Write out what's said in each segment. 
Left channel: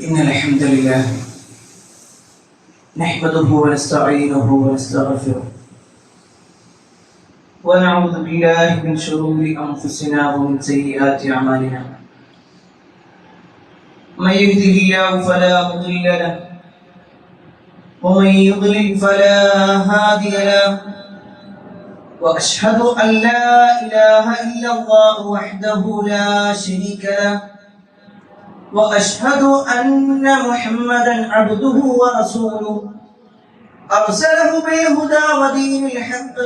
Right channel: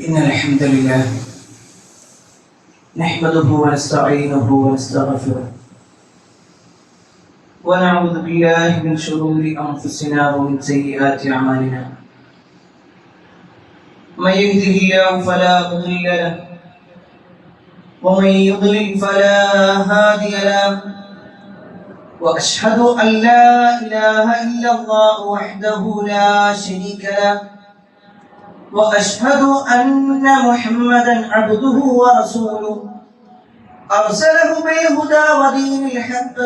إن الحمد لله نحمده ونستعينه ونستغفره ونعوذ بالله من شرور أنفسنا ومن سيئات أعمالنا. من يهده الله فلا مضل له ومن يضلل فلا هادي له، وأشهد أن لا إله إلا الله وحده لا شريك له، وأشهد أن محمدا عبده ورسوله أرسله بالهدى ودين الحق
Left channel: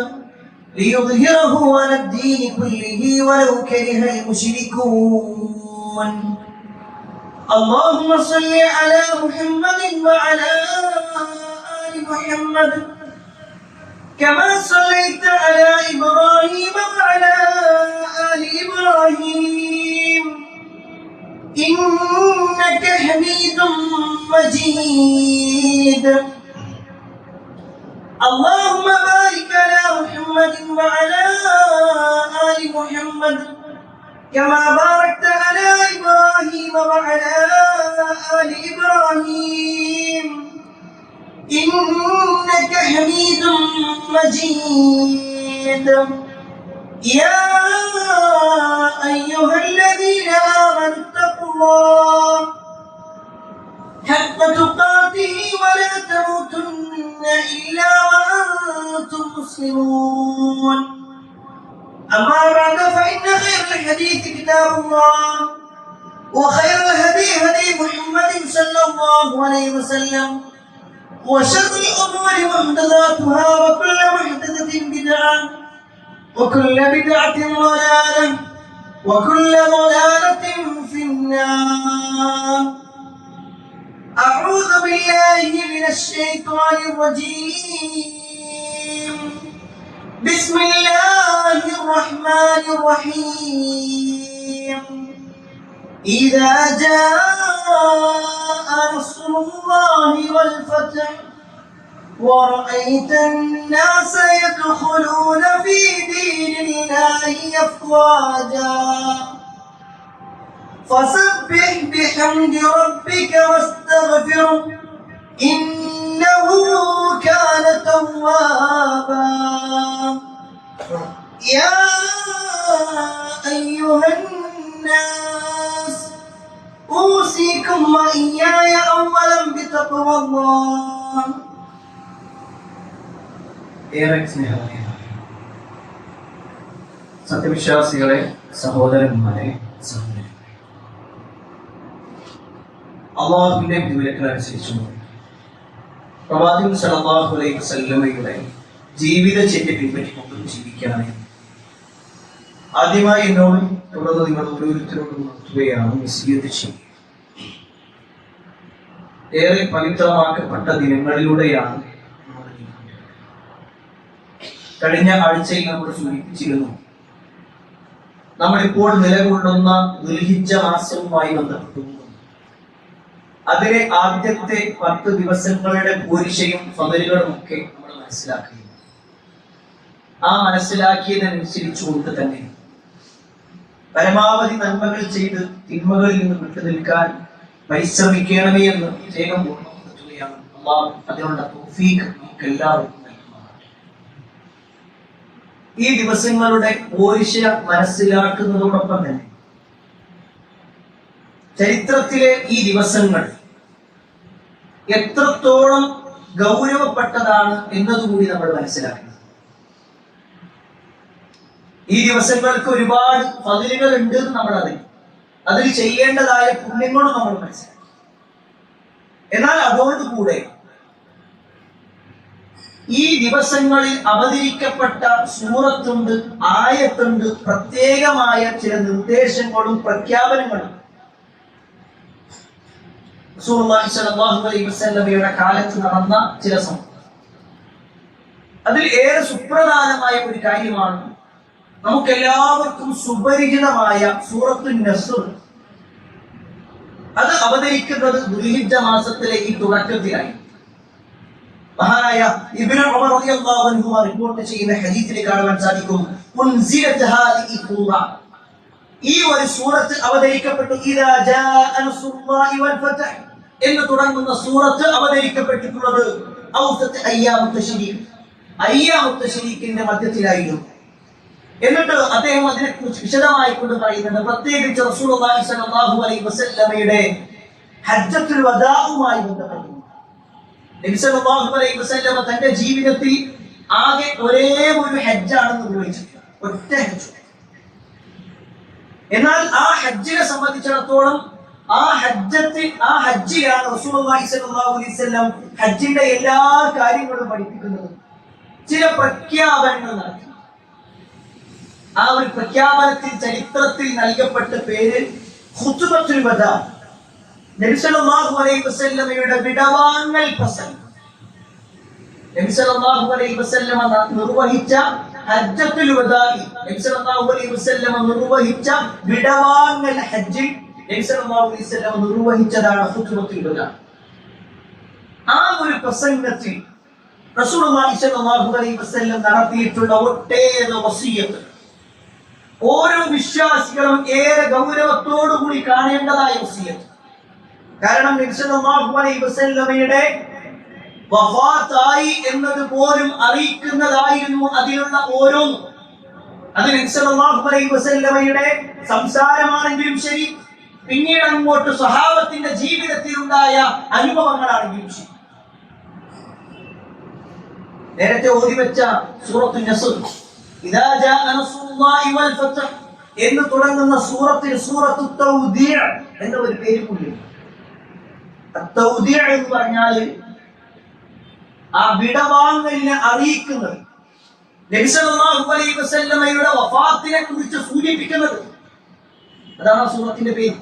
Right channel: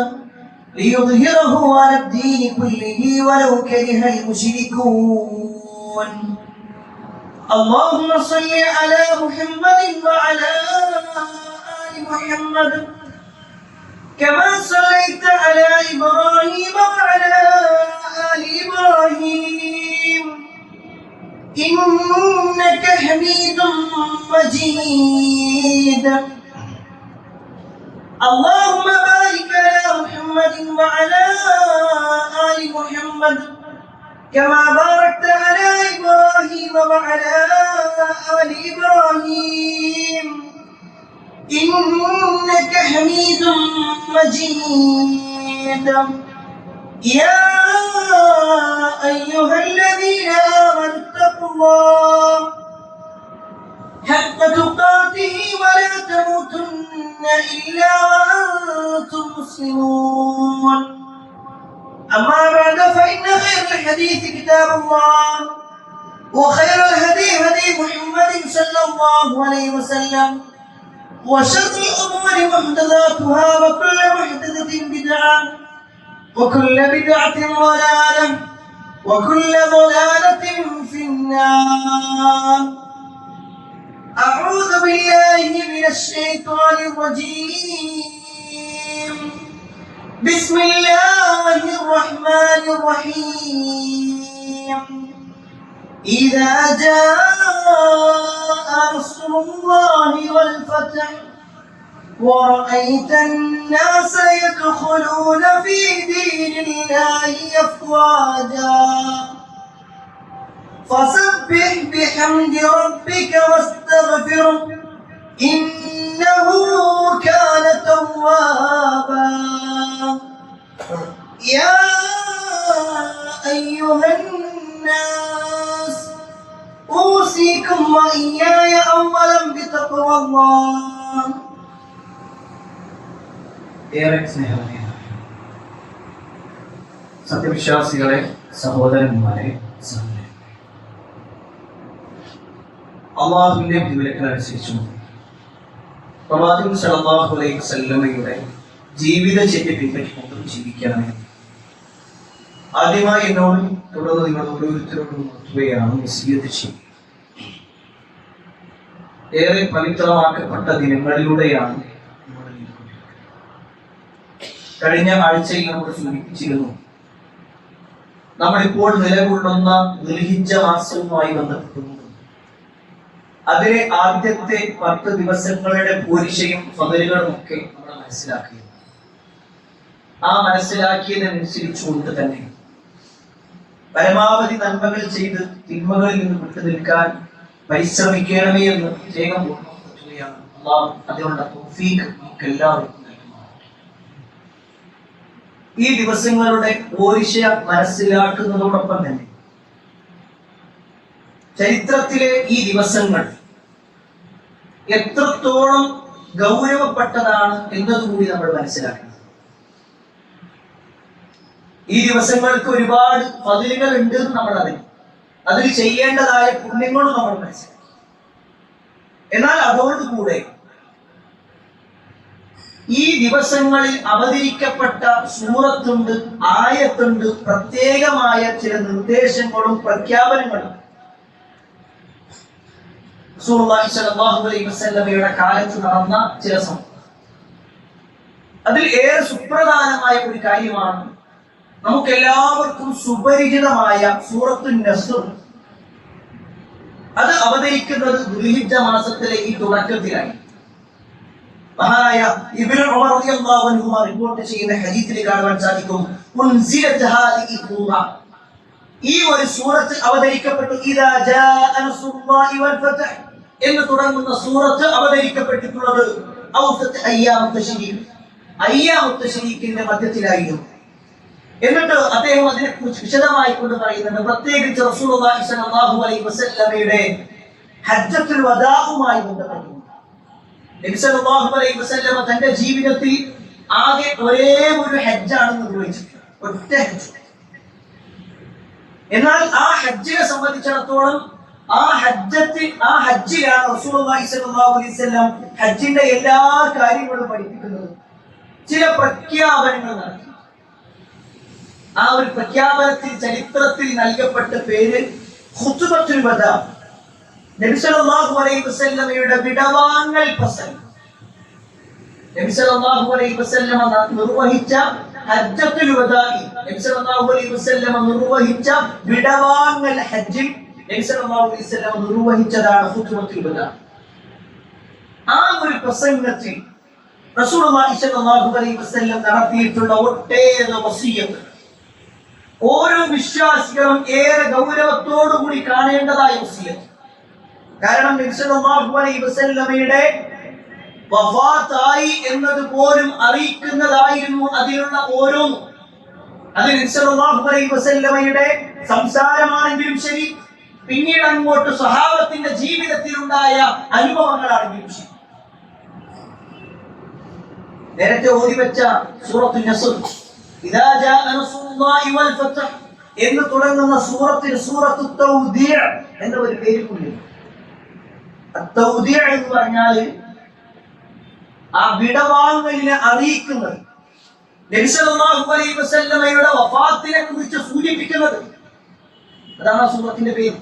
ليظهره على الدين كله ولو كره المشركون. اللهم صل على محمد وعلى آل محمد كما صليت على إبراهيم وعلى آل إبراهيم إنك حميد مجيد. اللهم بارك على محمد وعلى آل محمد كما باركت على إبراهيم وعلى آل إبراهيم إنك حميد مجيد. يا أيها الذين آمنوا اتقوا الله حق تقاته ولا تموتن إلا وأنتم مسلمون. أما بعد فإن خير الحديث كتاب الله وخير الهدي هدي محمد صلى الله عليه وسلم وشر الأمور محدثاتها وكل محدثة بدعة وكل بدعة ضلالة وكل ضلالة في النار. أعوذ بالله من الشيطان الرجيم. بسم الله الرحمن الرحيم. إذا جاء نصر الله والفتح ورأيت الناس يدخلون في دين الله أفواجا فسبح بحمد ربك واستغفره إنه كان توابا. يا أيها الناس أوصيكم وإياي أولا بتقوى الله. ഏറെ സ്നേഹം സത്യവിശ്വാസികളെ, സഹോദരന്മാരെ, സഹോദരന്മാരെ, അള്ളാഹുവിന്റെ വിധിവിലക്കനുസരിച്ചും പ്രവാചകൻ സല്ലല്ലാഹു അലൈഹി വസല്ലമയുടെ ജീവിതചര്യ പിൻപറ്റിക്കൊണ്ട് ജീവിക്കണമേ. ആദ്യമായി എന്നോടും തുടർന്ന് നിങ്ങൾ ഓരോരുത്തരോടും നടത്തുകയാണ് വസിയ്യത്ത് ചെയ്യുക. ഏറെ പവിത്രമാക്കപ്പെട്ട ദിനങ്ങളിലൂടെയാണ് കഴിഞ്ഞ ആഴ്ചയിൽ നമ്മൾ സൂചിപ്പിച്ചിരുന്നു. നമ്മളിപ്പോൾ നിലകൊള്ളുന്ന ദുൽഹിജ്ജ മാസവുമായി ബന്ധപ്പെട്ടുകൊണ്ട് അതിലെ ആദ്യത്തെ 10 ദിവസങ്ങളുടെ പോരിശയും ഫളലുകളും ഒക്കെ നമ്മൾ മനസ്സിലാക്കി. ആ മനസ്സിലാക്കിയതനുസരിച്ചുകൊണ്ട് തന്നെ പരമാവധി നന്മകൾ ചെയ്ത് തിന്മകളിൽ നിന്ന് വിട്ടു നിൽക്കാൻ പരിശ്രമിക്കണമേ എന്ന് പ്രത്യേകം ഓർമ്മപ്പെടുത്തുകയാണ്. അല്ലാഹു അതിനുള്ള തൗഫീഖ് നമുക്ക് എല്ലാവർക്കും. ഈ ദിവസങ്ങളുടെ പോരിശ മനസ്സിലാക്കുന്നതോടൊപ്പം തന്നെ ചരിത്രത്തിലെ ഈ ദിവസങ്ങൾ എത്രത്തോളം ഗൗരവപ്പെട്ടതാണ് എന്നതുകൂടി നമ്മൾ മനസ്സിലാക്കണം. ഈ ദിവസങ്ങൾക്ക് ഒരുപാട് ഫളിലുകൾ ഉണ്ട് എന്ന് നമ്മൾ അറിയും. അതിൽ ചെയ്യേണ്ടതായ പുണ്യങ്ങളും നമ്മൾ മനസ്സിലാക്കി. എന്നാൽ അതോടുകൂടെ ഈ ദിവസങ്ങളിൽ അവതരിക്കപ്പെട്ട സൂറത്തുണ്ട്, ആയത്തുണ്ട്, പ്രത്യേകമായ ചില നിർദ്ദേശങ്ങളും പ്രഖ്യാപനങ്ങളും റസൂലുള്ളാഹി സ്വല്ലല്ലാഹു അലൈഹി വസല്ലമയുടെ കാലത്ത് നടന്ന ചില സംഭവം. അതിൽ ഏറെ സുപ്രധാനമായ ഒരു കാര്യമാണ് നമുക്കെല്ലാവർക്കും സുപരിചിതമായ സൂറത്തുൻ നസ്ർ. അത് അവതരിക്കുന്നത് ദുൽഹിജ്ജ മാസത്തിലെ ഈ തുടക്കത്തിലായി. മഹാനായ ഇബ്നു ഉമർ റളിയല്ലാഹു അൻഹു റിപ്പോർട്ട് ചെയ്യുന്ന ഹദീസിൽ കാണാൻ സാധിക്കും, ഉൻസിലത് ഹാദിഹി സൂറ, ഈ ഒരു സൂറത്ത് അവതരിക്കപ്പെട്ടു ഇദാ ജാഅ നസ്റുല്ലാഹി വൽ ഫത്ഹ്, എന്ന് തുടങ്ങുന്ന സൂറത്ത് അവതരിക്കപ്പെട്ടിട്ടുള്ളത് ഔസത്ത് അയ്യാമുത്ത് ശരീഖ്, അയ്യാമുത്ത് ശരീഖിന്റെ മധ്യത്തിലായിരുന്നു. എന്നിട്ട് അദ്ദേഹം അതിനെക്കുറിച്ച് വിശദമായി കൊണ്ട് പറയുന്നുണ്ട്. പ്രത്യേകിച്ച് റസൂലുള്ളാഹി സ്വല്ലല്ലാഹു അലൈഹി വസല്ലമയുടെ ഹജ്ജത്തുൽ വദാഉമായി ബന്ധപ്പെട്ട് നബി സല്ലല്ലാഹു അലൈഹി വസല്ലമ തന്റെ ജീവിതത്തിൽ ആകെ ഒരേ ഒരു ഹജ്ജാണ് നിർവഹിച്ചത്, ഒറ്റ ഹജ്ജ്. എന്നാൽ ആ ഹജ്ജിനെ സംബന്ധിച്ചിടത്തോളം ആ ഹജ്ജിലാണ് റസൂലുള്ളാഹി സ്വല്ലല്ലാഹു അലൈഹി വസല്ലം ഹജ്ജിന്റെ എല്ലാ കാര്യങ്ങളും പഠിപ്പിക്കുന്നത്. ചില പ്രഖ്യാപനങ്ങൾ നടത്തി. ആ ഒരു പ്രഖ്യാപനത്തിൽ ചരിത്രത്തിൽ നൽകപ്പെട്ട പേര് ഖുത്ബത്തുൽ വദാ, നബി സല്ലല്ലാഹു അലൈഹി വസല്ലമയുടെ വിടവാങ്ങൽ പ്രസംഗം. നബി സല്ലല്ലാഹു അലൈഹി വസല്ലമ നിർവഹിച്ച ഹജ്ജത്തുൽ വദാഇ, നബി സല്ലല്ലാഹു അലൈഹി വസല്ലമ നിർവഹിച്ച വിടവാങ്ങൽ ഹജ്ജിൽ നബി സല്ലല്ലാഹു അലൈഹി വസല്ലമ നിർവഹിച്ചതാണ് ഖുത്ബത്തുൽ വദാ. ആ ഒരു പ്രസംഗത്തിൽ റസൂലുള്ളാഹി സ്വല്ലല്ലാഹു അലൈഹി വസല്ലം നടത്തിയിട്ടുള്ള ഒട്ടേറെ വസിയ്യത്ത് ഓരോ വിശ്വാസികളും ഏറെ ഗൗരവത്തോടുകൂടി കാണേണ്ടതായ വസിയ്യത്ത്. കാരണം നബി സല്ലല്ലാഹു അലൈഹി വസല്ലമയുടെ വഫാത്തായി എന്നത് പോലും അറിയിക്കുന്നതായിരുന്നു അതിലുള്ള ഓരോന്നും. അത് നബി സല്ലല്ലാഹു അലൈഹി വസല്ലമയുടെ സംസാരമാണെങ്കിലും ശരി, പിന്നീട് അങ്ങോട്ട് സ്വഹാബത്തിന്റെ ജീവിതത്തിലുണ്ടായ അനുഭവങ്ങളാണെങ്കിലും ശരി. നേരത്തെ ഓതിവെച്ച സൂറത്തുൻ നസ്ർ, ഇദാ ജാഅ നസ്റുല്ലാഹി വൽ ഫത്ഹ് എന്ന് തുടങ്ങുന്ന സൂറത്തിന് സൂറത്തു തൗദീഅ എന്ന ഒരു പേര് കൂടി. തൗദീഅ എന്ന് പറഞ്ഞാൽ ആ വിടവാങ്ങലിനെ അറിയിക്കുന്നത്, നബി സല്ലല്ലാഹു അലൈഹി വസല്ലമയുടെ വഫാത്തിനെ കുറിച്ച് സൂചിപ്പിക്കുന്നത്. അതാണ് ആ സൂറത്തിന്റെ പേര്.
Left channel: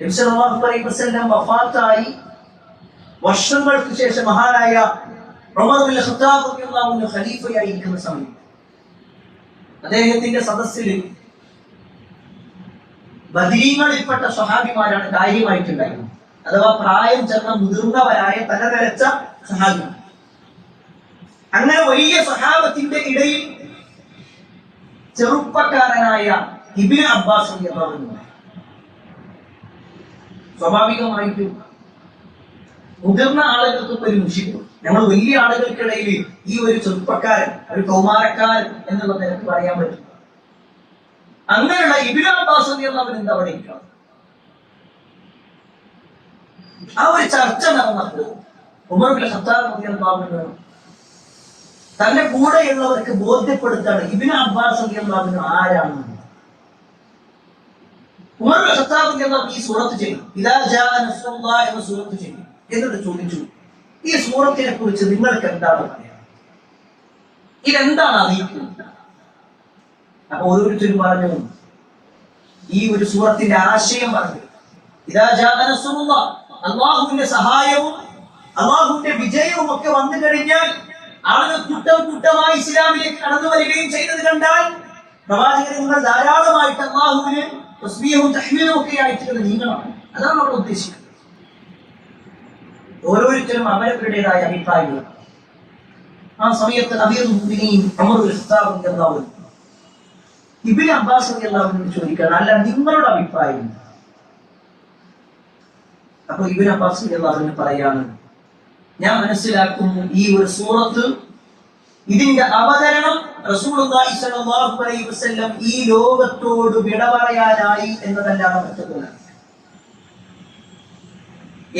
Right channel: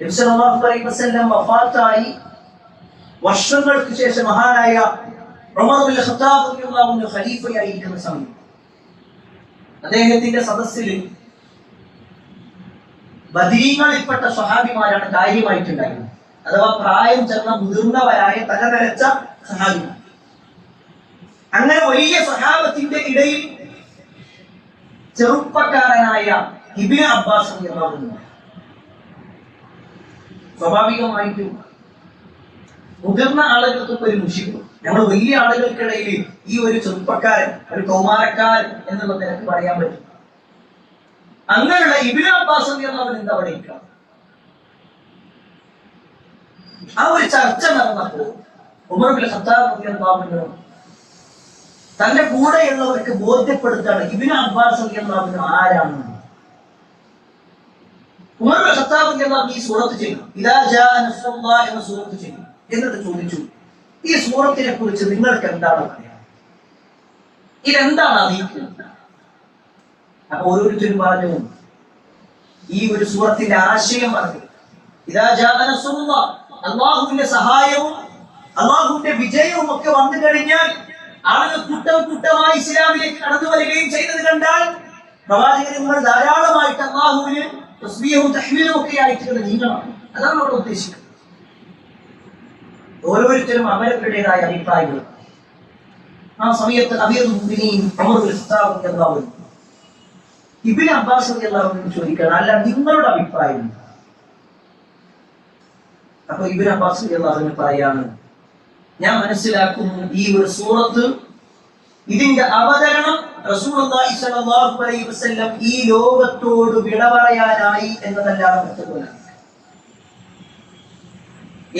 നബി സല്ലല്ലാഹു അലൈഹി വസല്ലം വഫാത്തായി വർഷങ്ങൾക്ക് ശേഷം മഹാനായ ഉമർ ഇബ്നുൽ ഖത്താബ് റളിയല്ലാഹു അൻഹു ഖലീഫയായിരിക്കുന്ന സമയം അദ്ദേഹത്തിന്റെ സദസ്സിൽ ബദരീങ്ങളിൽപ്പെട്ട സ്വഹാബിമാരാണ് കാര്യമായിട്ടുണ്ടായിരുന്നത്. അഥവാ പ്രായം ചെന്ന മുതിർന്നവരായ തലനരച്ച സ്വഹാബിമാർ. അങ്ങനെ വലിയ സ്വഹാബത്തിന്റെ ഇടയിൽ ചെറുപ്പക്കാരനായ ഇബ്നു അബ്ബാസ് റളിയല്ലാഹു അൻഹു. സ്വാഭാവികമായിട്ടും മുതിർന്ന ആളുകൾക്കൊക്കെ ഒരു മുഷിപ്പ്, ഞങ്ങൾ വലിയ ആളുകൾക്കിടയിൽ ഈ ഒരു ചെറുപ്പക്കാരൻ, ഒരു കൗമാരക്കാരൻ എന്നുള്ള നിലക്ക് പറയാൻ പറ്റും. അങ്ങനെയുള്ള ഇബ്നു അബ്ബാസ് റളിയല്ലാഹു അൻഹു എന്താ പറയുക? ആ ഒരു ചർച്ച നടന്നപ്പോൾ ഉമർ ഇബ്നുൽ ഖത്താബ് റളിയല്ലാഹു അൻഹു തന്റെ കൂടെയുള്ളവർക്ക് ബോധ്യപ്പെടുത്താണ് ഇബ്നു അബ്ബാസ് റളിയല്ലാഹു അൻഹു ആരാണെന്ന്. ഉമർ ഇബ്നുൽ ഖത്താബ് റളിയല്ലാഹു അൻഹു ഈ സൂറത്ത് ചെയ്തു, ഇദാ ജാഅ നസ്റുല്ലാഹി എന്ന സൂറത്ത് ചെയ്തു. എന്നിട്ട് ചോദിച്ചു, ഈ സൂറത്തിനെ കുറിച്ച് നിങ്ങൾക്ക് എന്താണ് പറയാം? ഇതെന്താണ് അറിയിക്കുന്നത്? അപ്പൊ ഓരോരുത്തരും പറഞ്ഞു, ഈ ഒരു സൂറത്തിന്റെ ആശയം പറഞ്ഞു, ഇദാ ജാഅ നസ്റുല്ലാഹ്, അല്ലാഹുവിന്റെ സഹായവും അല്ലാഹുവിന്റെ വിജയവും ഒക്കെ വന്നു കഴിഞ്ഞാൽ ആളുകൾ കൂട്ടം കൂട്ടമായി ഇസ്ലാമിലേക്ക് കടന്നു വരികയും ചെയ്തത് കണ്ടാൽ പ്രവാചകന്മാർ ധാരാളമായിട്ട് അല്ലാഹുവിന് തസ്ബീഹും തഹ്മീദും ഒക്കെ ആയിട്ട് നീങ്ങണം. അതാണ് അവിടെ ഉദ്ദേശിക്കുന്നത്. ഓരോരുത്തരും അവരവരുടേതായ അഭിപ്രായങ്ങൾ. ആ സമയത്ത് അമീറുൽ മുഅ്മിനീൻ ഉമർ ഇബ്നുൽ ഖത്താബ് റളിയല്ലാഹു അൻഹു ഇബ്നു അബ്ബാസ് റളിയല്ലാഹു അൻഹു ചോദിക്കാൻ, അല്ല നിങ്ങളുടെ അഭിപ്രായം? അപ്പൊ ഇബ്നു അബ്ബാസ് റളിയല്ലാഹു അൻഹു പറയാണ്, ഞാൻ മനസ്സിലാക്കുന്നു ഈ ഒരു സൂറത്ത്, ഇതിന്റെ അവതരണം റസൂലുള്ളാഹി സ്വല്ലല്ലാഹു അലൈഹി വസല്ലം ഈ ലോകത്തോട് വിട പറയാനായി എന്നതല്ലാതെ മറ്റൊന്നുമല്ല.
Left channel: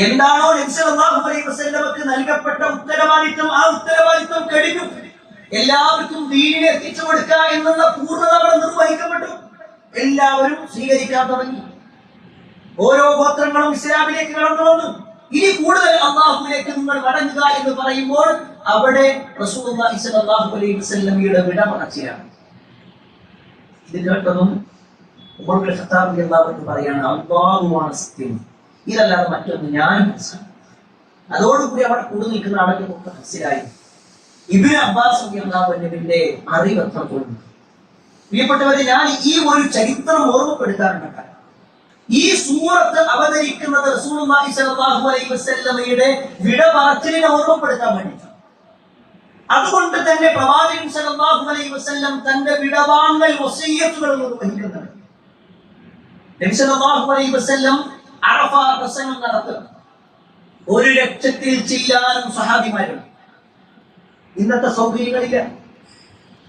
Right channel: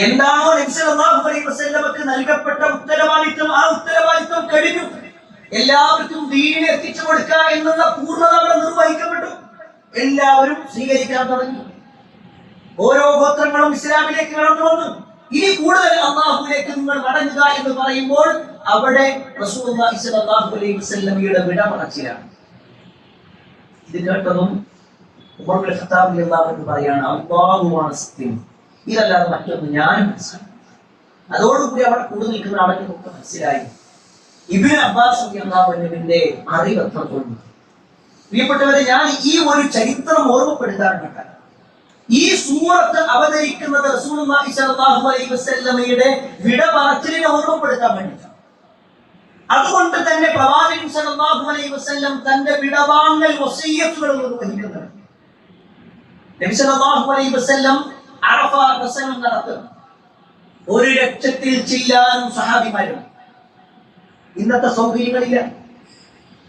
എന്താണോ നബി സല്ലല്ലാഹു അലൈഹി വസല്ലമക്ക് നൽകപ്പെട്ട ഉത്തരവാദിത്വം, ആ ഉത്തരവാദിത്വം കഴിഞ്ഞു. എല്ലാവർക്കും ദീനിനെ എത്തിച്ചു കൊടുക്കുക എന്നുള്ള പൂർണ്ണത അവിടെ നിർവഹിക്കപ്പെട്ടു. എല്ലാവരും സ്വീകരിക്കാൻ തുടങ്ങി. ഓരോ ഗോത്രങ്ങളും ഇസ്ലാമിലേക്ക് കടന്നു വന്നു. ഇനി കൂടുതൽ അല്ലാഹുവിലേക്ക് നിങ്ങൾ മടങ്ങുക എന്ന് പറയുമ്പോൾ അവിടെ റസൂലുള്ളാഹി സ്വല്ലല്ലാഹു അലൈഹി വസല്ലമയുടെ വിട പറച്ചിലാണ്. ഇത് കേട്ടതും ഉമർ ഇബ്നുൽ ഖത്താബ് റളിയല്ലാഹു അൻഹു പറയാണ്, അല്ലാഹുവാണ് സത്യം, ഇതല്ലാതെ മറ്റൊന്നും ഞാനും മനസ്സിലാക്കി. അതോടുകൂടി അവിടെ കൂടി നിൽക്കുന്ന ആളുകൾക്കൊക്കെ മനസ്സിലായി ഇബ്നു അബ്ബാസ് റളിയല്ലാഹു അൻഹുവിന്റെ അറിവ് എത്രത്തോളം. പ്രിയപ്പെട്ടവരെ, ഞാൻ ഈ ഒരു ചരിത്രം ഓർമ്മപ്പെടുത്താറുണ്ട്. ഈ സൂറത്ത് അവതരിക്കുന്നത് റസൂലുള്ളാഹി സ്വല്ലല്ലാഹു അലൈഹി വസല്ലമയുടെ വിട പറച്ചിലിനെ ഓർമ്മപ്പെടുത്താൻ വേണ്ടിയിട്ടാണ്. അതുകൊണ്ട് തന്നെ പ്രവാചകൻ സ്വല്ലല്ലാഹു അലൈഹി വസല്ലം തന്റെ വിടവാങ്ങൽ വസിയ്യത്തുകൾ നിർവഹിക്കുന്നുണ്ട്. നബി സല്ലല്ലാഹു അലൈഹി വസല്ലം അറഫ പ്രസംഗം നടത്തും. 1,00,000-ൽ ചില്ലാനും സഹാബിമാരും. ഇന്നത്തെ സൗകര്യങ്ങളില്ല.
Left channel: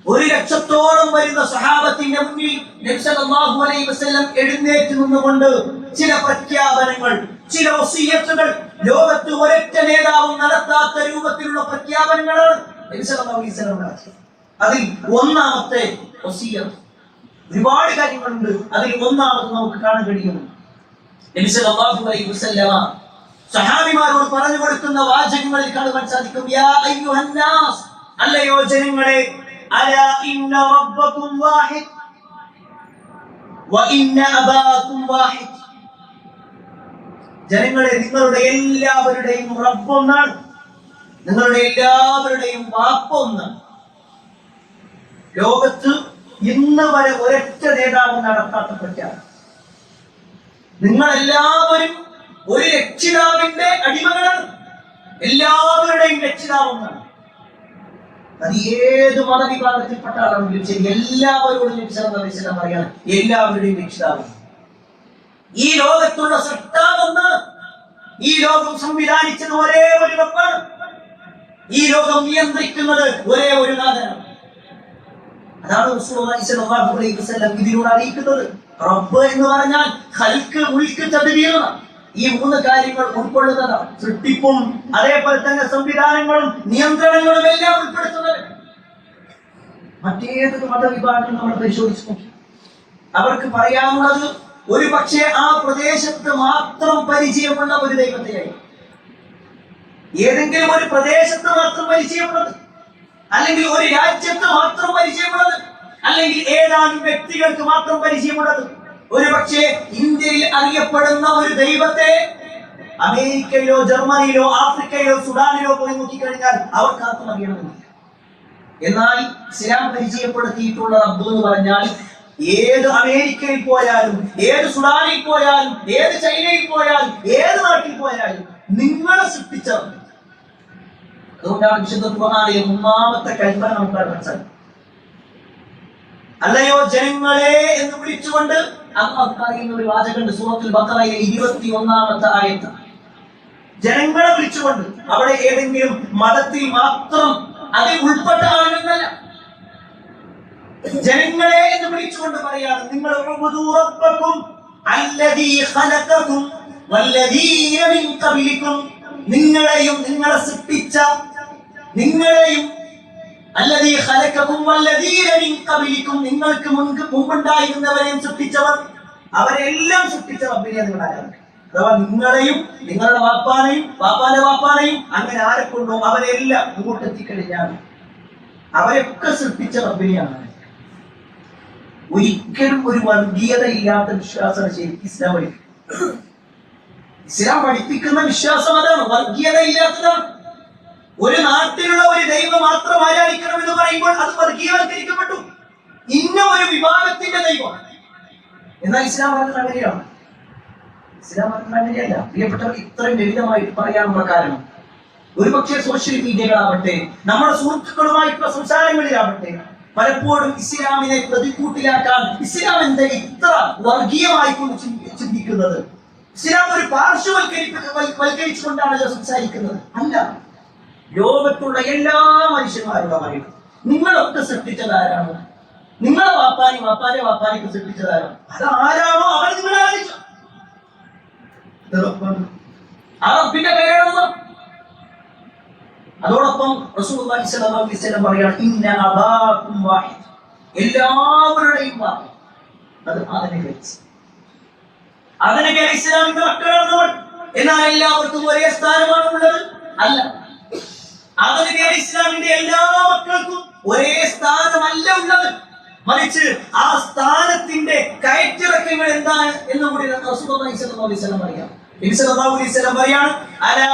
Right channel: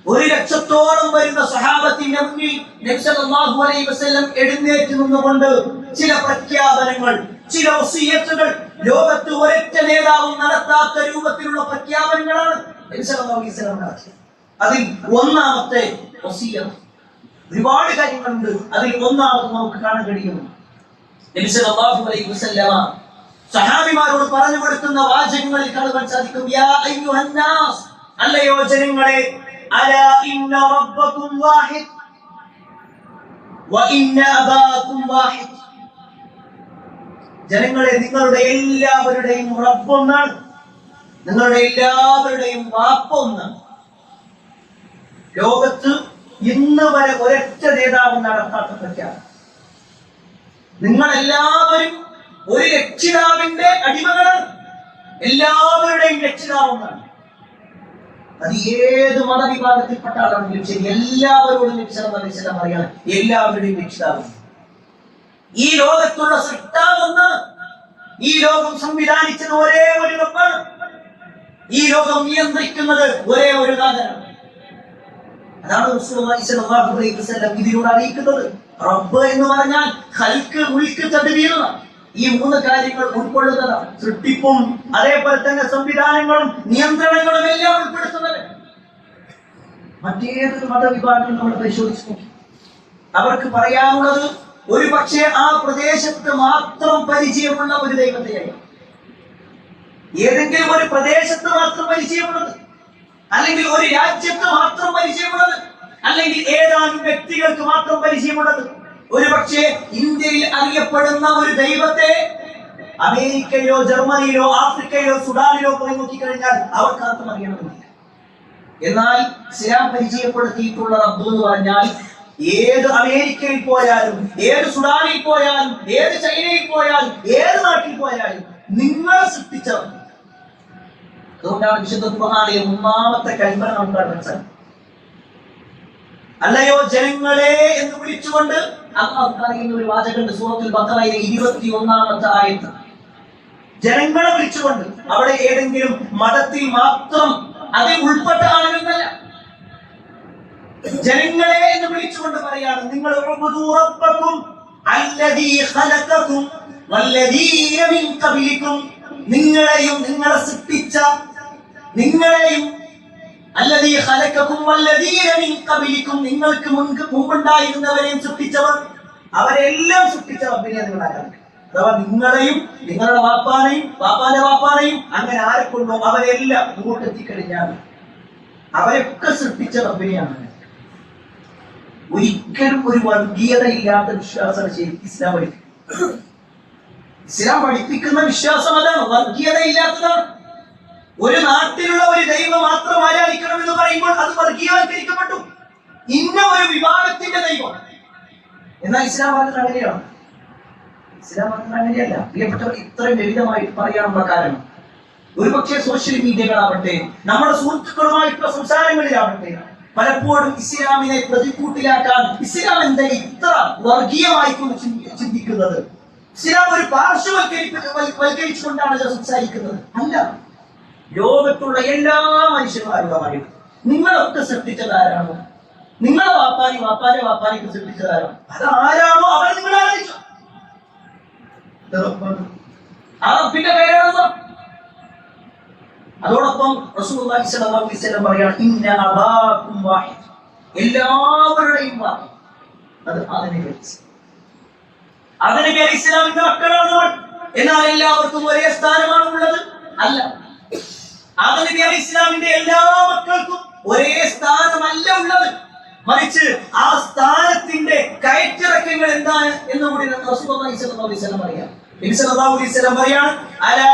1,00,000-ഓളം വരുന്ന സഹാബത്തിന്റെ മുന്നിൽ നബി സല്ലല്ലാഹു അലൈഹി വസല്ലം എഴുന്നേറ്റ് നിന്നുകൊണ്ട് ചില പ്രഖ്യാപനങ്ങൾ, ചില വസിയത്തുകൾ, ലോകത്ത് ഒരൊറ്റ നേതാവും നടത്താത്ത രൂപത്തിലുള്ള പ്രഖ്യാപനങ്ങളാണ് നബി സല്ലല്ലാഹു അലൈഹി വസല്ലം നടത്തിയത്. അതിൽ ഒന്നാമത്തെ വസിയത്ത്, ഒരുപാട് കാര്യങ്ങളുണ്ട്, അതിൽ ഒന്നാമത് നമുക്ക് കാണാൻ കഴിയുന്നു. നബി സല്ലല്ലാഹു അലൈഹി വസല്ലം സഹാബിമാരോട് പറഞ്ഞു കൊടുക്കുന്ന വാചകങ്ങളിൽ കാണുവാൻ സാധിക്കും. യാ അയ്യുഹന്നാസ്, അല്ലയോ ജനങ്ങളെ, അലാ ഇന്ന റബ്ബകും വാഹിദ് വ ഇന്ന അബാകും വാഹിദ്. ജനങ്ങളെ, നിങ്ങളുടെ എല്ലാവരുടെയും റബ്ബ് ഒന്നാണ്, നിങ്ങളുടെ എല്ലാവരുടെയും വാപ്പ ഒന്നാണ്. ലോകത്ത് ഇന്ന് വരെ ഒരൊറ്റ നേതാവ് നടത്താത്ത പ്രഖ്യാപനം. നിങ്ങളെല്ലാവരും ഒരു രക്ഷിതാവിന്റെ അടിമകളാണ്. എല്ലാവരുടെയും രക്ഷിതാവ് ഒന്നാണ്. അത് ഏത് മതവിഭാഗത്തിൽപ്പെട്ട ആളാണെങ്കിലും ശരി, എല്ലാവരോടും നബി സല്ലല്ലാഹു അലൈഹി വസല്ലം പറയാണ്, എല്ലാവരുടെയും രക്ഷിതാവ്. ഈ ലോകത്തുള്ള സൃഷ്ടാവെന്ന്, ഈ ലോകം സംവിധാനിച്ചത് ഒരേ ഒരു റബ്ബാണ്. ഈ ലോകം നിയന്ത്രിക്കുന്നത് ഒരേ ഒരു നാഥനാണ്. അതാണ് റസൂലുള്ളാഹി സ്വല്ലല്ലാഹു അലൈഹി വസല്ലം ഇതിലൂടെ അറിയിക്കുന്നത്. റബ്ബ് എന്ന് പറഞ്ഞാൽ ഖൽഖ്, മുൽക്ക്, തദ്ബീർ, ഈ 3 കാര്യങ്ങൾ ഉൾക്കൊള്ളുന്നതാണ്. സൃഷ്ടിപ്പും അതേപോലെ തന്നെ സംവിധാനങ്ങളും നിയന്ത്രണങ്ങളും എല്ലാം ഉൾപ്പെടുത്തുന്നത്. മറ്റേതൊരു മതവിഭാഗം നമ്മൾ പരിശോധിച്ചു നോക്കി, അവർക്ക് പറയാനുള്ളത് ഒരു പക്ഷേ ആ പ്രദേശത്ത് മാത്രം പരിചയമുള്ള ഒരു ദൈവത്തെയായി, ഏതെങ്കിലും ഒരു പ്രദേശത്ത് മാത്രം പരിചയമുള്ളത്, അല്ലെങ്കിൽ ഒരു രാജ്യത്ത് മാത്രം പരിചയമുള്ളത്, അല്ലെങ്കിൽ ഏതാനും വ്യക്തികൾക്ക് മാത്രം പരിചയമുള്ളത്. ഒരു പക്ഷേ ഇന്ത്യയിൽ അറിയപ്പെടുന്ന ഒരു ദൈവത്തെ അമേരിക്കയിലോ ജർമ്മനിയിലോ ആഫ്രിക്കയിലോ സുഡാനിലോ പോയി നോക്കിക്കഴിഞ്ഞാൽ അവർക്കാർക്കും അറിയണമെന്നില്ല. എന്നാൽ ഇസ്ലാം പരിചയപ്പെടുത്തിയിട്ടുള്ള റബ്ബ് എന്ന് പറഞ്ഞാൽ ഏത് അമേരിക്കയിൽ പോയാലും, ഏത് സുഡാനിൽ പോയാലും, ഏത് ചൈനയിൽ പോയാലും, ഏത് നാട്ടിൽ പോയാലും നിങ്ങളെ സൃഷ്ടിച്ചവർ. അതുകൊണ്ടാണ് വിശുദ്ധ ഖുർആനിലെ 3-ാമത്തെ കൽപ്പന നമുക്ക് കാണാൻ സാധിക്കും. അല്ലയോ ജനങ്ങളെ എന്ന് വിളിച്ചുകൊണ്ട് അല്ലാഹു പറയുന്ന ഒരു വാചകമുണ്ട് സൂറത്തുൽ ബഖറയിലെ 21-ാമത്തെ ആയത്ത്. ജനങ്ങളെ വിളിച്ചുകൊണ്ട്, അവിടെ ഏതെങ്കിലും മതത്തിൽ മാത്രം അതിൽ ഉൾപ്പെട്ട ആളുകളല്ല, ജനങ്ങളെ എന്ന് വിളിച്ചുകൊണ്ട് പറയാണ്, നിങ്ങൾ ഉഅ്ബുദൂ റബ്ബക്കും അല്ലദീ ഖലഖകും വല്ലദീന മിൻ ഖബലികും. നിങ്ങളെയും നിങ്ങളെ സൃഷ്ടിച്ച, നിങ്ങളെയും അല്ലദീ ഖലഖകും വല്ലദീന മിൻ ഖബലികും, നിങ്ങൾക്ക് മുമ്പുണ്ടായിരുന്നവരെയും സൃഷ്ടിച്ചവർ, അവരെല്ലാം സൃഷ്ടിച്ച റബ്ബിനെ നിങ്ങൾ ആരാധിക്കുക. അഥവാ നിങ്ങളെയും നിങ്ങളുടെ വാപ്പാനെയും വാപ്പാന്റെ വാപ്പാനെയും അങ്ങനെ ആരെ കൊണ്ടോ അവരെല്ലാം മുമ്പോട്ടെത്തിക്കഴിഞ്ഞാൽ അവരൊക്കെ സൃഷ്ടിച്ച റബ്ബിനെയാണ്. ഒരിക്കലും ഒരു വർഗീയത ഇല്ലാത്ത വിശ്വാസമാണ് ശരിക്കും ഇസ്ലാം പഠിപ്പിക്കുന്നത്. ഇസ്ലാം പഠിപ്പിക്കുന്ന വിശ്വാസം അതാണ്, വർഗീയത ഇല്ലാത്തതാണ്. ഒരു നാട്ടിലുള്ള ഒരു ദൈവം മാത്രം ആരാധിക്കണം എന്ന് പറയുമ്പോൾ അത് വർഗീയവൽക്കരിക്കപ്പെട്ടു. ഇന്ന ഒരു വിഭാഗത്തിന്റെ ദൈവം. എന്നാൽ ഇസ്ലാം പറഞ്ഞത് അങ്ങനെയാണ്. ഇസ്ലാം പറഞ്ഞത് അങ്ങനെയല്ല. പ്രിയപ്പെട്ടവർ, ഇത്രയും ലളിതമായിട്ട് പറയാനുള്ള കാരണം, ഒരുപക്ഷെ സോഷ്യൽ മീഡിയകളാവട്ടെ, നമ്മുടെ സുഹൃത്തുക്കളുമായിട്ടുള്ള സംസാരങ്ങളിലാവട്ടെ, പലപ്പോഴും ഇസ്ലാമിനെ പ്രതികൂട്ടിലാക്കാൻ ഇസ്ലാം എന്താ ഇത്ര വർഗീയമായി കൊണ്ട് ചിന്തിക്കുന്നത്, ഇസ്ലാം ഒരു പാർശ്വവൽക്കരിച്ചുകൊണ്ടാണല്ലോ സംസാരിക്കുന്നത്. അല്ല, ലോകത്തുള്ള എല്ലാ മനുഷ്യന്മാരോട് പറയും, നിങ്ങളൊക്കെ സൃഷ്ടിച്ചതാരാണോ, നിങ്ങളെ വാപ്പാനി വാപ്പാന്റെ വാപ്പാനിക്ക് സൃഷ്ടിച്ചതാരാണോ, അതാരാണോ അവർ നിങ്ങൾ ആരാധിച്ചു. ആ റബ്ബിന്റെ പേരാണെന്നോ. അതോടൊപ്പം റസൂലുള്ളാഹി സ്വല്ലല്ലാഹു അലൈഹി വസല്ലം പറയാണ്, ഇന്ന അബാകും വാഹിദ്, എല്ലാവരുടെയും വാഹിദ്. അത് അതിനെ ഇസ്ലാമിന്റെ മക്കളാണ് നമ്മൾ. എന്നാൽ എല്ലാവർക്കും ഒരേ സ്ഥാനമാണ് ഉള്ളത്? അല്ല. അതിനെ ഇസ്ലാമിന്റെ എല്ലാ മക്കൾക്കും ഒരേ സ്ഥാനമല്ല ഉള്ളത്. മറിച്ച് ആ സ്ഥാനത്തിന്റെ കയറ്റിറക്കങ്ങൾ എന്താണ് എന്ന് കൂടി റസൂലുള്ളാഹി സ്വല്ലല്ലാഹു അലൈഹി വസല്ലം പറയാം. നബി സല്ലല്ലാഹു അലൈഹി വസല്ലം പറയാണ്, അലാ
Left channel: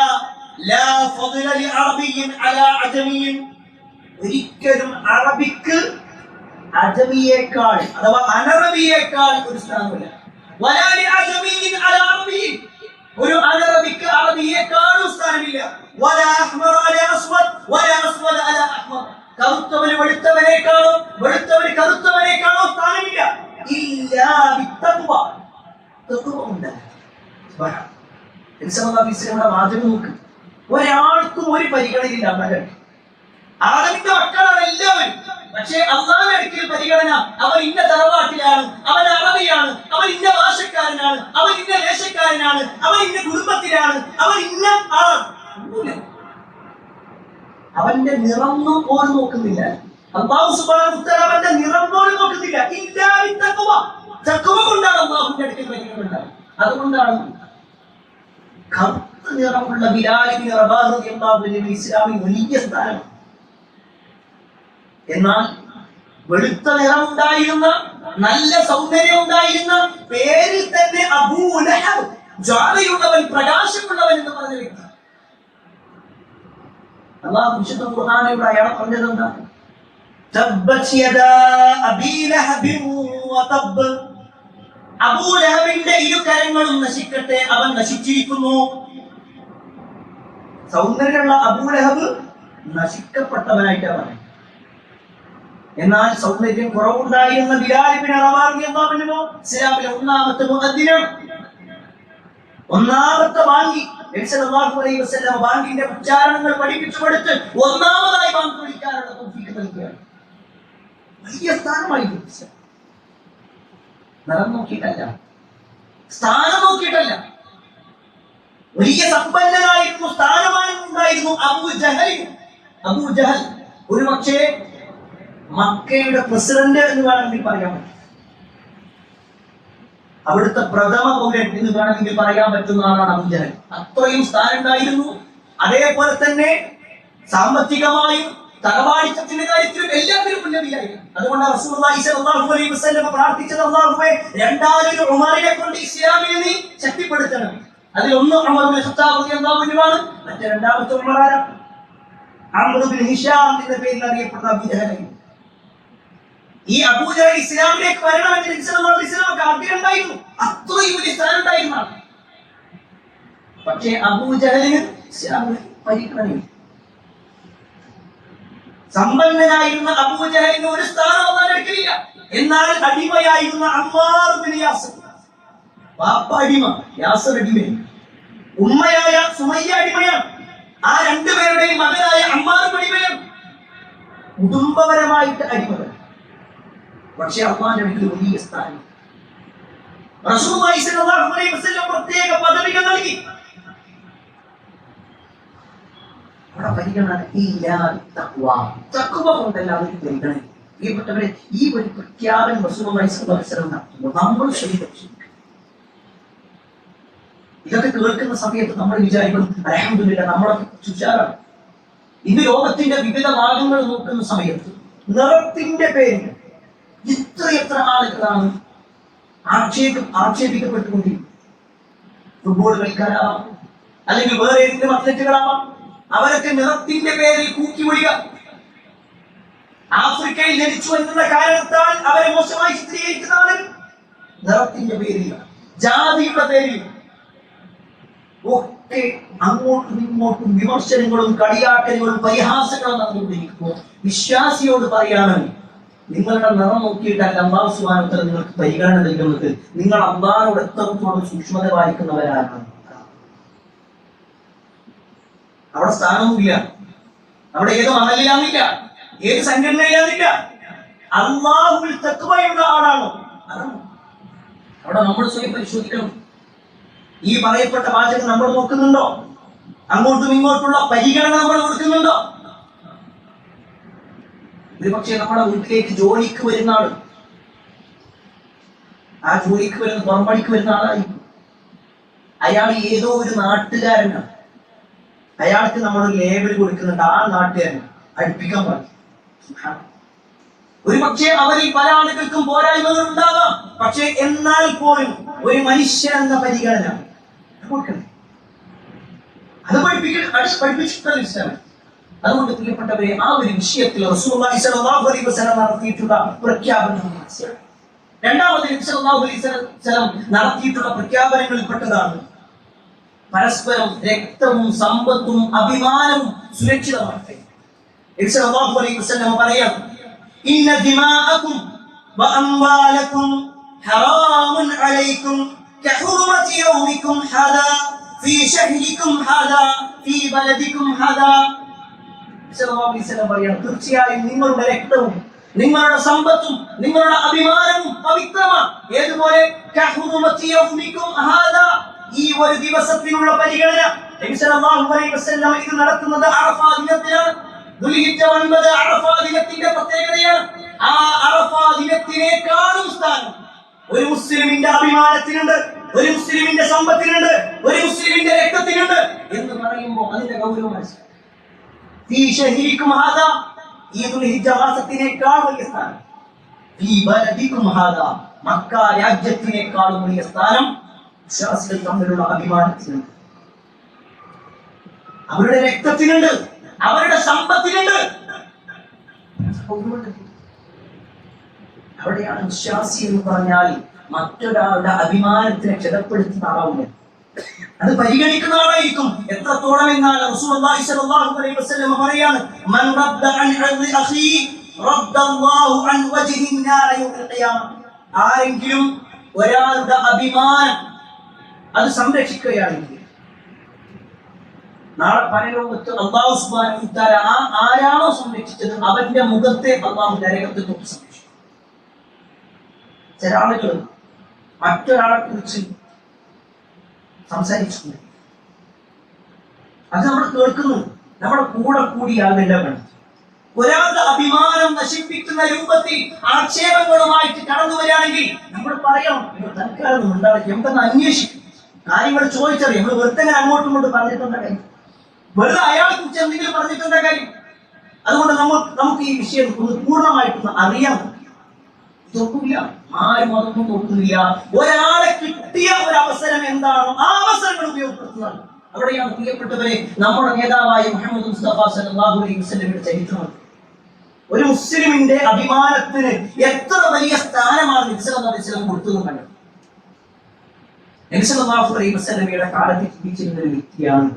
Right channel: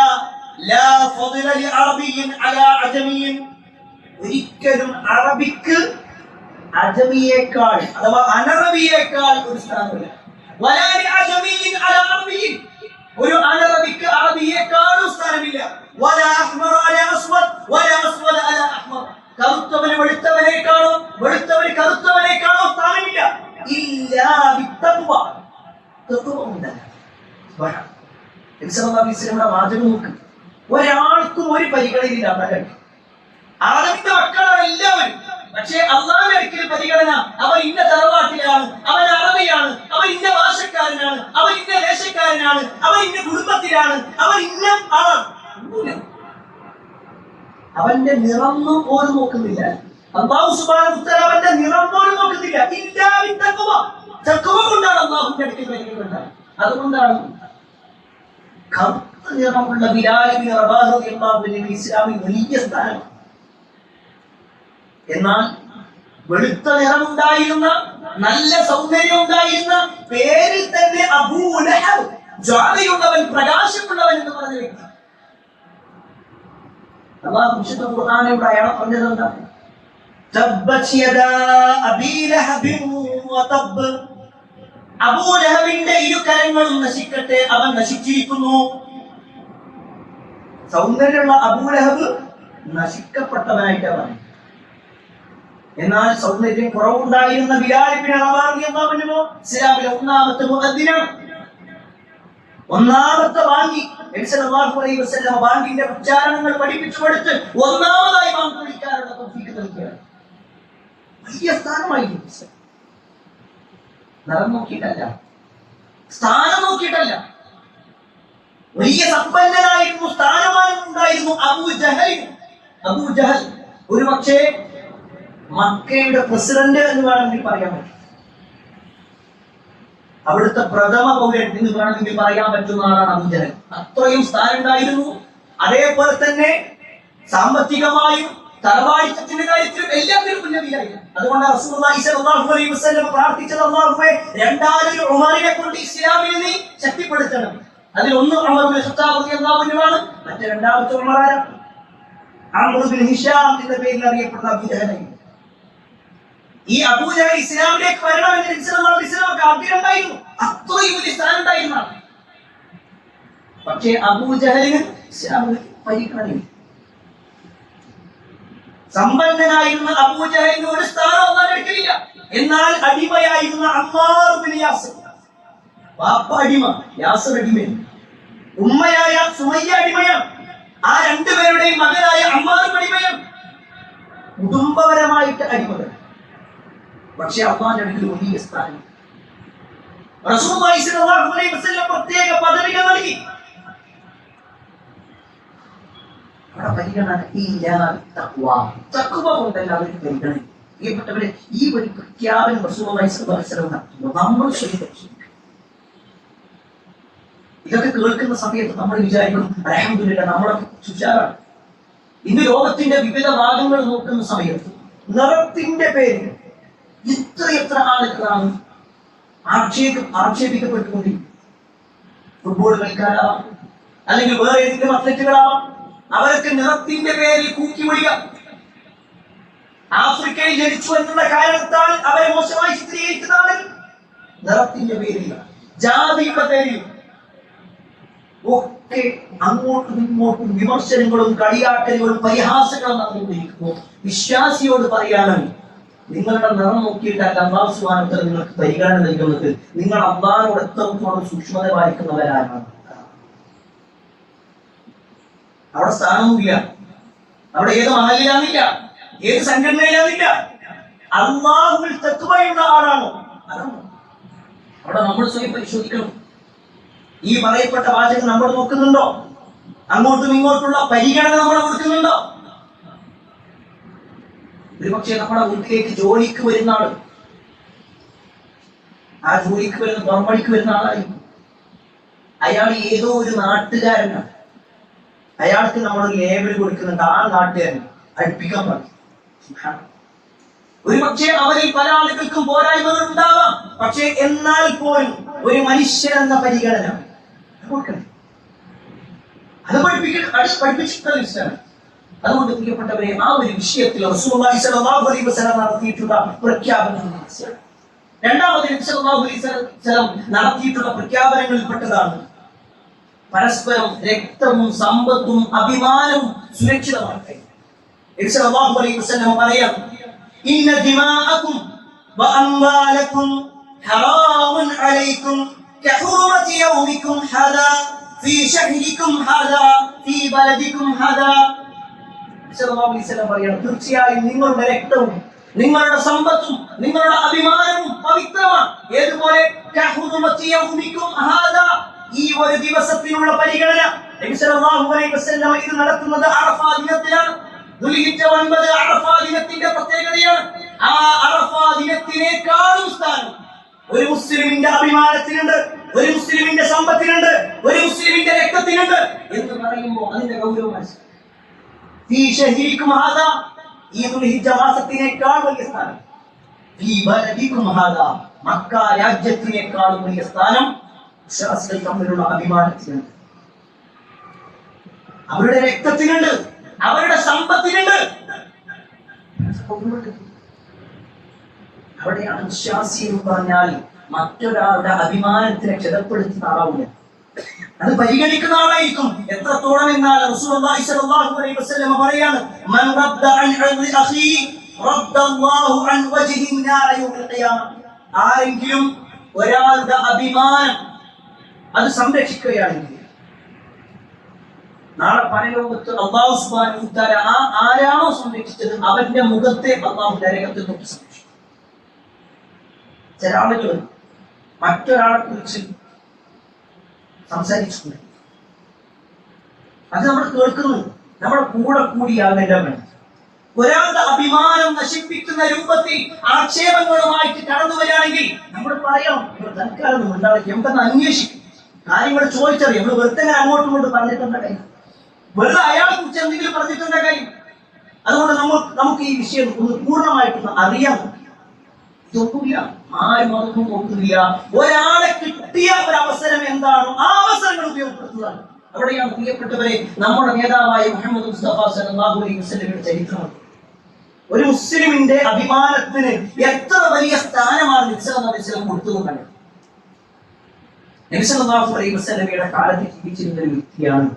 ലാ ഫദ്ല ലി അറബിയ്യിൻ അലാ അജമിയ്യിൻ. ഒരിക്കലും അറബിക്ക് അജമിയേക്കാൾ അഥവാ അനറബിയേക്കാൾ ഒരു സ്ഥാനമില്ല. വലാ ലി അജമിയ്യിൻ അലാ അറബിയ്യിൻ, ഒരു അനറബിക്ക് അറബിയേക്കാളും സ്ഥാനമില്ല. വലാ അഹ്മർ അലാ അസ്വദ് വലാ അസ്വദ് അലാ അഹ്മർ, കറുത്തവന് വെളുത്തവനേക്കാളോ വെളുത്തവന് കറുത്തവനേക്കാളോ സ്ഥാനമില്ല. ഇല്ലാ ബിത്തഖ്വ, തഖ്വ ഉണ്ടാകും. വാചകം നോക്ക്. ഒരാൾക്കും ഒരു പരിഗണനയില്ല. ആദമിന്റെ മക്കളാണ് എല്ലാവരും. പക്ഷേ അള്ളാഹുവിന്റെ അടുക്കൽ പരിഗണന. അവൻ ഇന്ന തറവാട്ടിലാണ്, അവൻ അറബിയാണ്, അവൻ ഇന്ന ഭാഷക്കാരനാണ്, അവൻ ഇന്ന ദേശക്കാരനാണ്, അവൻ ഇന്ന കുടുംബത്തിലാണ്, അവൻ ഇന്ന ആളാണ്. അവന്റെ നിറം പോലും നോക്കുന്നില്ല. അല്ലാഹു സുബ്ഹാനഹു വ തആല അവന്റെ നിറം പോലും നോക്കുന്നില്ല. ഇല്ലാ ബിത്തഖ്വ. തഖ്വ കൊണ്ടാണ് അല്ലാഹുവിന്റെ അടുക്കൽ പരിഗണന. അതുകൊണ്ടാണ് കറുത്ത നിറമുള്ള ബിലാൽ ഇബ്നു റബാഹ് റളിയല്ലാഹു അൻഹു ഇസ്ലാമിൽ വലിയ സ്ഥാനം. എന്നാൽ വെളുത്ത നിറമുണ്ടായിരുന്ന, നല്ല സൗന്ദര്യം ഉണ്ടായിരുന്ന, പേരിൽ തന്നെ അബൂ ലഹബ്, ജ്വാലയുള്ളവൻ, പ്രകാശമുള്ളവൻ എന്ന് പറഞ്ഞ വ്യക്തി. അല്ലാഹു വിശുദ്ധ ഖുർആനിലൂടെ അയാളെ പറഞ്ഞത് എന്താ? തബ്ബത് യദാ അബീ ലഹബിൻ വതബ്. അബൂ ലഹബിന്റെ ഇരു കരങ്ങളും നശിക്കട്ടെ, അവൻ നശിച്ചിരിക്കുന്നു. സൗന്ദര്യമുള്ള അബൂ ലഹബ് നശിക്കപ്പെട്ടവനായിട്ടാണ്. എന്നാൽ സൗന്ദര്യം കുറവുണ്ടായിരുന്ന ബിലാൽ ഇബ്നു റബാഹ് റളിയല്ലാഹു അൻഹു ഇസ്ലാമിലെ ഒന്നാമത്തെ മുഅദ്ദിനാണ്. ഒന്നാമത്തെ ബാങ്കി നബി സല്ലല്ലാഹു അലൈഹി വസല്ലം ബാങ്കിന്റെ ഉച്ചാരണങ്ങൾ പഠിപ്പിച്ചു കൊടുത്ത് ഒന്നാമതായി ബാങ്ക് വിളിക്കാനുള്ള തൗഫീഖ് നൽകിയാണ്. വലിയ സ്ഥാനമായിരുന്നു. നിറം നോക്കിയിട്ടല്ല, സ്ഥാനം നോക്കിയിട്ടല്ല. വലിയ സമ്പന്നനായിരുന്നു, സ്ഥാനമാനം ഉണ്ടായിരുന്നു അബൂ ജഹൽ. ഒരു പക്ഷേ മക്കയുടെ പ്രസിഡന്റ് എന്ന് വേണമെങ്കിൽ പറയാൻ പറ്റും. അവിടുത്തെ പ്രഥമ പൗരൻ എന്ന് വേണമെങ്കിൽ പറയാൻ പറ്റുന്ന ആളാണ് അബൂ ജഹൽ. അത്രയും സ്ഥാനം ഉണ്ടായിരുന്നു. അതേപോലെ തന്നെ സാമ്പത്തികമായും തറവാടിത്തത്തിന്റെ കാര്യത്തിലും എല്ലാത്തിലും മുന്നേറിയായിരുന്നു. അതുകൊണ്ട് റസൂലുള്ളാഹി സ്വല്ലല്ലാഹു അലൈഹി വസല്ലം പ്രാർത്ഥിച്ചത്, അല്ലാഹുവേ രണ്ടാമതൊരു ഉമറിനെ കൊണ്ട് ഇസ്ലാമിനെ നീ ശക്തിപ്പെടുത്തണം. അതിൽ ഒന്ന് ഉമർ ഇബ്നു ഖത്താബ് റളിയല്ലാഹു അൻഹു ആണ്. മറ്റേ രണ്ടാമത്തെ ഉമർ ആരാ? അംർ ഇബ്നു ഹിശാം എന്ന പേരിൽ അറിയപ്പെടുന്ന അബൂ ജഹൽ. ഈ അബൂ ജഹൽ ഇസ്ലാമിലേക്ക് വരണമെന്ന് നബി സല്ലല്ലാഹു അലൈഹി വസല്ലം ആഗ്രഹം ഉണ്ടായിരുന്നു. അത്രയും വലിയ സ്ഥാനം ഉണ്ടായിരുന്നു. പക്ഷേ അബൂ ജഹലിന് ഇസ്ലാമിൽ പരിഗണനയില്ല. സമ്പന്നനായിരുന്ന അബൂ ജഹലിന് ഒരു സ്ഥാനം ഒന്നും എടുക്കില്ല. എന്നാൽ അടിമയായിരുന്ന അമ്മാർ ഇബ്നു യാസിർ, ബാപ്പ അടിമ, യാസിർ അടിമയാണ്. ഉമ്മയായ സുമയ്യ അടിമയാണ്. ആ രണ്ടുപേരുടെയും മകനായ അമ്മാർ അടിമയാണ്. കുടുംബപരമായിട്ട് അടിമകൾ. പക്ഷെ അള്ളാഹുവിന്റെ അടുക്കൽ വലിയ സ്ഥാനം. റസൂലുള്ളാഹി സ്വല്ലല്ലാഹു അലൈഹി വസല്ലം പ്രത്യേക പദവികൾ നൽകി. അവിടെ പരിഗണന തഖ്വ കൊണ്ടല്ല അവർക്ക് പരിഗണന. പ്രിയപ്പെട്ടവരെ, ഈ ഒരു പ്രഖ്യാപനം റസൂലുള്ളാഹി സ്വല്ലല്ലാഹു അലൈഹി വസല്ലം നടത്തുമ്പോൾ നമ്മൾ ശരീരം ഇതൊക്കെ കേൾക്കുന്ന സമയത്ത് നമ്മൾ വിചാരിക്കണം, അൽഹംദുലില്ലാഹ് നമ്മളൊക്കെ ഉഷാറാണ്. ഇന്ന് ലോകത്തിന്റെ വിവിധ ഭാഗങ്ങൾ നോക്കുന്ന സമയത്ത് നിറത്തിന്റെ പേരിൽ എത്ര ആളുകളാണ് ആക്ഷേപിക്കപ്പെട്ടുകൊണ്ടിരിക്കുന്നത്. ഫുട്ബോൾ കളിക്കാരാവാം, അല്ലെങ്കിൽ വേറെ ഏതെങ്കിലും അത്ലറ്റുകളാവാം. അവരൊക്കെ നിറത്തിന്റെ പേരിൽ കൂക്കി വിടുക. ആഫ്രിക്കയിൽ ജനിച്ചു എന്നുള്ള കാരണത്താൽ അവരെ മോശമായി ചിത്രീകരിക്കുന്ന ആളുകൾ നിറത്തിന്റെ പേരിൽ, ജാതിയുടെ പേരിൽ ഒക്കെ അങ്ങോട്ടും ഇങ്ങോട്ടും വിമർശനങ്ങളും കളിയാക്കലുകളും പരിഹാസങ്ങളും നടന്നുകൊണ്ടിരിക്കുമ്പോൾ വിശ്വാസിയോട് പറയാണ്, നിങ്ങളുടെ നിറം നോക്കിയിട്ടല്ല അല്ലാഹു സുബ്ഹാനഹു വ തആല നിങ്ങൾക്ക് പരിഗണന നൽകുന്നത്. നിങ്ങൾ അല്ലാഹുവോട് എത്രത്തോളം സൂക്ഷ്മത പാലിക്കുന്നവരാണ്. അവിടെ സ്ഥാനമൊന്നുമില്ല, അവിടെ ഏത് മഹലിലാന്നില്ല, ഏത് സംഘടനയിലാന്നില്ല. അല്ലാഹുവിൽ തഖ്വയുള്ള ആളാണോ? അവിടെ നമ്മൾ സ്വയം പരിശോധിക്കണം. ഈ പറയപ്പെട്ട വാചകം നമ്മൾ നോക്കുന്നുണ്ടോ? അങ്ങോട്ടും ഇങ്ങോട്ടുള്ള പരിഗണന നമ്മൾ കൊടുക്കുന്നുണ്ടോ? ഒരുപക്ഷെ നമ്മുടെ വീട്ടിലേക്ക് ജോലിക്ക് വരുന്ന ആള്, ആ ജോലിക്ക് വരുന്ന പുറംപണിക്ക് വരുന്ന ആളായിരിക്കും. അയാൾ ഏതോ ഒരു നാട്ടുകാരനാണ്. അയാൾക്ക് നമ്മൾ ലേബൽ കൊടുക്കുന്നുണ്ട്, ആ നാട്ടുകാരൻ അടുപ്പിക്കാൻ പറഞ്ഞു. ഒരു പക്ഷേ അവരിൽ പല ആളുകൾക്കും പോരായ്മകൾ ഉണ്ടാവാം. പക്ഷേ എന്നാൽ പോലും ഒരു മനുഷ്യൻ എന്ന പരിഗണന കൊടുക്കണം. അത് പഠിപ്പിച്ചിട്ടുള്ള ഇസ്ലാം. അതുകൊണ്ട് പ്രിയപ്പെട്ടവരെ, ആ ഒരു വിഷയത്തിൽ റസൂലുള്ളാഹി സ്വല്ലല്ലാഹു അലൈഹി വസല്ലം നടത്തിയിട്ടുള്ള പ്രഖ്യാപനം, രണ്ടാമത് നബി സല്ലല്ലാഹു അലൈഹി വസല്ലം നടത്തിയിട്ടുള്ള പ്രഖ്യാപനങ്ങളിൽപ്പെട്ടതാണ് പരസ്പരം രക്തവും സമ്പത്തും അഭിമാനവും സുരക്ഷിതമാക്കട്ടെ. നബി സല്ലല്ലാഹു അലൈഹി വസല്ലം പറയാം, ഇന്ന ദിമാഅകും വഅംവാലകും ഹറാമുൻ അലൈക്കും കഹുറമതി യൗമികും ഹാദാ ഫീ ശഹരികും ഹാദാ ഫീ ബലദികും ഹാദാ. സല്ലല്ലാഹു അലൈഹി വസല്ലം പറയുന്നു, തീർച്ചയായും നിങ്ങളുടെ രക്തവും നിങ്ങളുടെ സമ്പത്തും നിങ്ങളുടെ അഭിമാനവും പവിത്രമാണ്. ഏതുപോലെ കഹുറമതി യൗമികും ഹാദാ, ഈ ഒരു ദിവസത്തിനുള്ള പരിഗണന. നബി സല്ലല്ലാഹു അലൈഹി വസല്ലം ഇത് നടത്തുന്നത് അറഫാ ദിനത്തിലാണ്. ദുൽഹിജ്ജ 9 അറഫാ ദിനത്തിന്റെ പ്രത്യേകതയാണ്. ആ അറഫാ ദിനത്തിനേക്കാളും സ്ഥാനം ഒരു മുസ്ലിമിന്റെ അഭിമാനത്തിനുണ്ട്, ഒരു മുസ്ലിമിന്റെ സമ്പത്തിനുണ്ട്, ഒരു മുസ്ലിമിന്റെ രക്തത്തിനുണ്ട് എന്ന് പറയുമ്പോൾ അതിന്റെ ഗൗരവം മനസ്സിലാക്കും. ഫീ ശഹരികും ഹാദാ, ഈ ദുൽഹിജ്ജ മാസത്തിനേക്കാൾ വലിയ സ്ഥാനം. ഫീ ബലദികും ഹാദാ, മക്ക രാജ്യത്തിനേക്കാളും വലിയ സ്ഥാനം വിശ്വാസികൾ തമ്മിലുള്ള അഭിമാനത്തിനുണ്ട്, അവരുടെ രക്തത്തിനുണ്ട്, അവരുടെ സമ്പത്തിനുണ്ട്. അവിടെയാണ് വിശ്വാസി എന്ന് പറഞ്ഞാൽ മറ്റൊരാളുടെ അഭിമാനത്തിനെ ക്ഷതപ്പെടുത്തുന്ന ആളാവില്ല, അത് പരിഗണിക്കുന്ന ആളായിരിക്കും. എത്രത്തോളം എന്നാൽ റസൂലുള്ളാഹി സ്വല്ലല്ലാഹു അലൈഹി വസല്ലം പറയാണ്, മൻ റദ്ദ അൻ അർദി അഖീ റദ്ദല്ലാഹു അൻ വജ്ഹിൻ നാര യൗമിൽ ഖിയാമ. ആരെങ്കിലും ഒരാളുടെ അഭിമാനം അത് സംരക്ഷിക്കുകയാണെങ്കിൽ നാളെ പരലോകത്ത് അല്ലാഹു സുബ്ഹാനഹു വ തആല ആരാണോ സംരക്ഷിച്ചത് അവന്റെ മുഖത്തെ അല്ലാഹു നരകത്തിൽ തൊട്ട് സംരക്ഷിക്കും. ചില ആളുകൾ മറ്റൊരാളെ കുറിച്ച് സംസാരിച്ചു, അത് നമ്മൾ കേൾക്കുന്നു, നമ്മുടെ കൂടെ കൂടിയാകേണ്ടവൻ. ഒരാളുടെ അഭിമാനം നശിപ്പിക്കുന്ന രൂപത്തിൽ ആക്ഷേപങ്ങളുമായിട്ട് കടന്നു വരികയാണെങ്കിൽ നമ്മൾ പറയണം, തൽക്കാലം ഉണ്ടാകും, നമുക്കൊന്ന് അന്വേഷിക്കും, കാര്യങ്ങൾ ചോദിച്ചറിയാം. നമ്മൾ വെറുതെ അങ്ങോട്ടും ഇങ്ങോട്ടും പറഞ്ഞിട്ടുണ്ട കാര്യം, വെറുതെ അയാളെ കുറിച്ച് എന്തെങ്കിലും പറഞ്ഞിട്ടുണ്ട കാര്യം. അതുകൊണ്ട് നമുക്ക് ഈ വിഷയം ഒന്ന് പൂർണ്ണമായിട്ടൊന്ന് അറിയാം. നോക്കില്ല, ആരും അതൊന്നും നോക്കുന്നില്ല. ഒരാളെ കിട്ടിയ ഒരു അവസരം എന്താണോ ആ അവസരങ്ങൾ ഉപയോഗപ്പെടുത്തുന്നതാണ്. അവിടെയാണ് പ്രിയപ്പെട്ടവരെ നമ്മുടെ നേതാവായ മുഹമ്മദ് മുസ്തഫ സല്ലല്ലാഹു അലൈഹി വസല്ലമയുടെ ചരിത്രം. ഒരു മുസ്ലിമിന്റെ അഭിമാനത്തിന് എത്ര വലിയ സ്ഥാനമാണ് നബി സല്ലല്ലാഹു അലൈഹി വസല്ലം കൊടുത്തതെന്ന് കണ്ടത്. നബി സല്ലല്ലാഹു അലൈഹി വസല്ലമയുടെ കാലത്ത് ജീവിച്ചിരുന്ന ഒരു വ്യക്തിയാണ്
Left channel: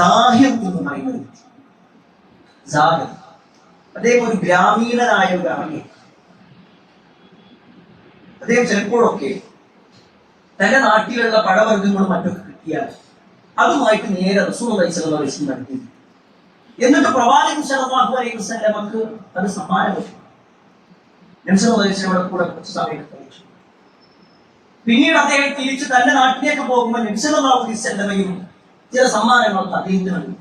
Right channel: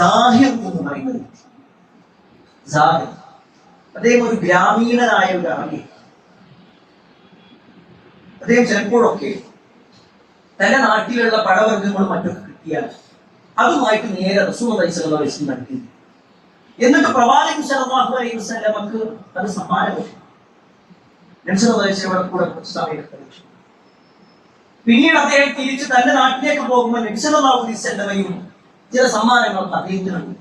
സാഹിർ എന്ന് പറയുന്ന വ്യക്തി. സാഹിർ, അദ്ദേഹം ഒരു ഗ്രാമീണനായ ഒരു ആളാണ്. അദ്ദേഹം ചിലപ്പോഴൊക്കെ തന്റെ നാട്ടിലുള്ള പഴവർഗ്ഗങ്ങളും മറ്റൊക്കെ കിട്ടിയാൽ അതുമായിട്ട് നേരെ റസൂലുള്ളാഹി സ്വല്ലല്ലാഹു അലൈഹി വസല്ലം നടത്തി. എന്നിട്ട് പ്രവാചകൻ സല്ലല്ലാഹു അലൈഹി വസല്ലമക്ക് അത് സമ്മാനം കിട്ടി. നബി സല്ലല്ലാഹു അലൈഹി വസല്ലമയുടെ കൂടെ കുറച്ച് സമയം കഴിച്ചു. പിന്നീട് അദ്ദേഹം തിരിച്ച് തന്റെ നാട്ടിലേക്ക് പോകുമ്പോൾ നബി സല്ലല്ലാഹു അലൈഹി വസല്ലമയും ചില സമ്മാനങ്ങളൊക്കെ അദ്ദേഹത്തിനുണ്ട്.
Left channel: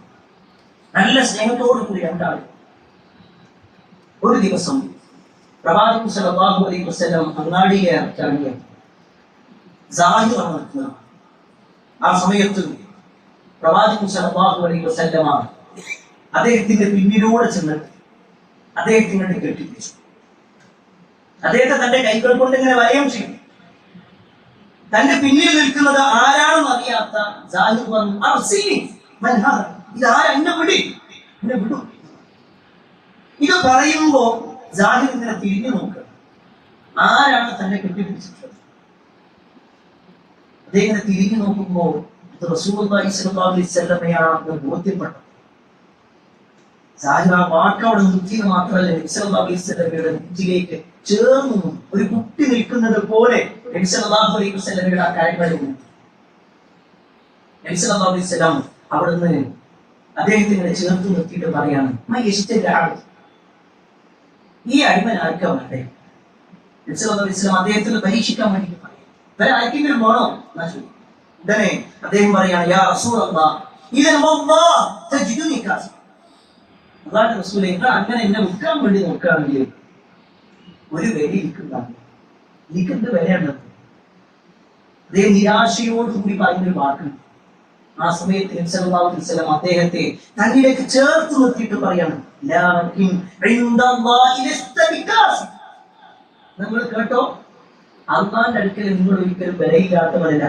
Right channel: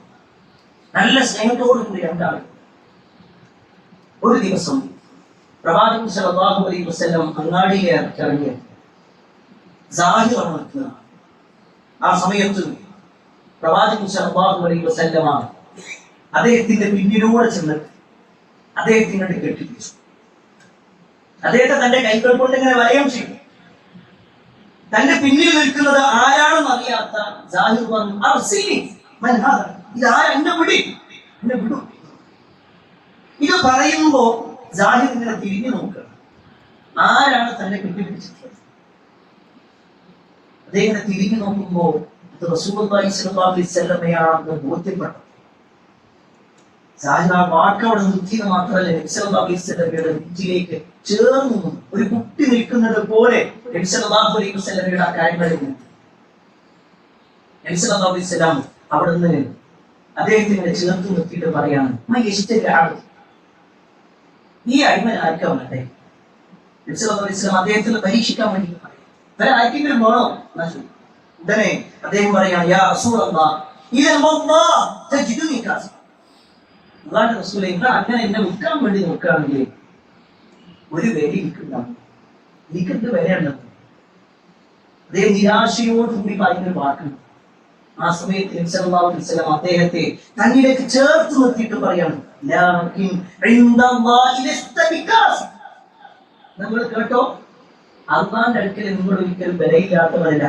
നല്ല സ്നേഹത്തോടു കൂടി രണ്ടാളും. ഒരു ദിവസം പ്രവാചകൻ സല്ലല്ലാഹു അലൈഹി വസല്ലം അങ്ങാടിയിലേക്ക് ഇറങ്ങിയ സാഹിർ നിൽക്കുക. ആ സമയത്ത് പ്രവാചകൻ സല്ലല്ലാഹു അലൈഹി വസല്ലമ അദ്ദേഹത്തിന്റെ പിന്നിലൂടെ ചെന്നിട്ട് അദ്ദേഹത്തിനെ കെട്ടിപ്പിടിച്ചു. അദ്ദേഹത്തെ തന്റെ കൈകൾ കൊണ്ട് ഇങ്ങനെ വലയം ചെയ്തു. തന്റെ പിന്നിൽ നിൽക്കുന്നത് ആരാണെന്ന് അറിയാത്ത സാഹിർ പറഞ്ഞു, ഇതാരാ, എന്നെ വിടി, എന്നെ വിടൂ. ഇത് പറയുമ്പോ സാഹിർ ഇങ്ങനെ തിരിഞ്ഞു നോക്കുക, ആരാണ് തന്നെ കെട്ടിപ്പിടിച്ചിട്ടുള്ളത്. അദ്ദേഹം തിരിഞ്ഞു നോക്കുമ്പോ ഇത് റസൂലുള്ളാഹി സ്വല്ലല്ലാഹു അലൈഹി വസല്ലമയാണെന്ന് ബോധ്യപ്പെട്ടു. സാഹിർ ആ വാക്കവിടെ നിർത്തിയത് മാത്രമല്ല, നബി സല്ലല്ലാഹു അലൈഹി വസല്ലമയുടെ നെഞ്ചിലേക്ക് ചേർന്നു ഒരു കുട്ടി നിൽക്കുന്നത് പോലെ നബി സല്ലല്ലാഹു അലൈഹി വസല്ലമയുടെ ആ കാര്യങ്ങളിൽ നബി സല്ലല്ലാഹു അലൈഹി വസല്ലം അവിടെ നിന്ന് അദ്ദേഹത്തിനെ ചേർത്ത് നിർത്തിയിട്ട് പറയാണ്, ഈ അടിമൻ ആർക്കാ വേണ്ടേ? നബി സല്ലല്ലാഹു അലൈഹി വസല്ലം അദ്ദേഹത്തിന് പരീക്ഷിക്കാൻ വേണ്ടി പറയും, വേറെ ആർക്കെങ്കിലും വേണോ എന്നാ ചോദിക്കും. ഉടനെ അദ്ദേഹം പറയാണ്, യാ റസൂലല്ലാഹ് ഇദൻ വല്ലാഹ് തജിദുനി കാസ. അല്ലാഹുവിന്റെ റസൂലേ, നിങ്ങൾ അങ്ങനെ എന്നെ വിൽക്കാൻ വേണ്ടി നോക്കുകയാണെങ്കിൽ ഒരു വില എനിക്കുണ്ടാകും, എനിക്കെന്ത് വിലയുണ്ടാകും? അദ്ദേഹം നിരാശയോടുകൂടി പറയുന്നൊരു വാക്കാണ്. ആ സമയത്ത് നബി സല്ലല്ലാഹു അലൈഹി വസല്ലം അദ്ദേഹത്തെ തന്നിലേക്ക് ചേർത്ത് നിർത്തിയിട്ട് പറയാണ്, നമ്മൾ കേട്ടോ, അള്ളാന്റെ അടുക്കൽ നിങ്ങൾ ഒരിക്കലും വിലയില്ലാത്തവരല്ല.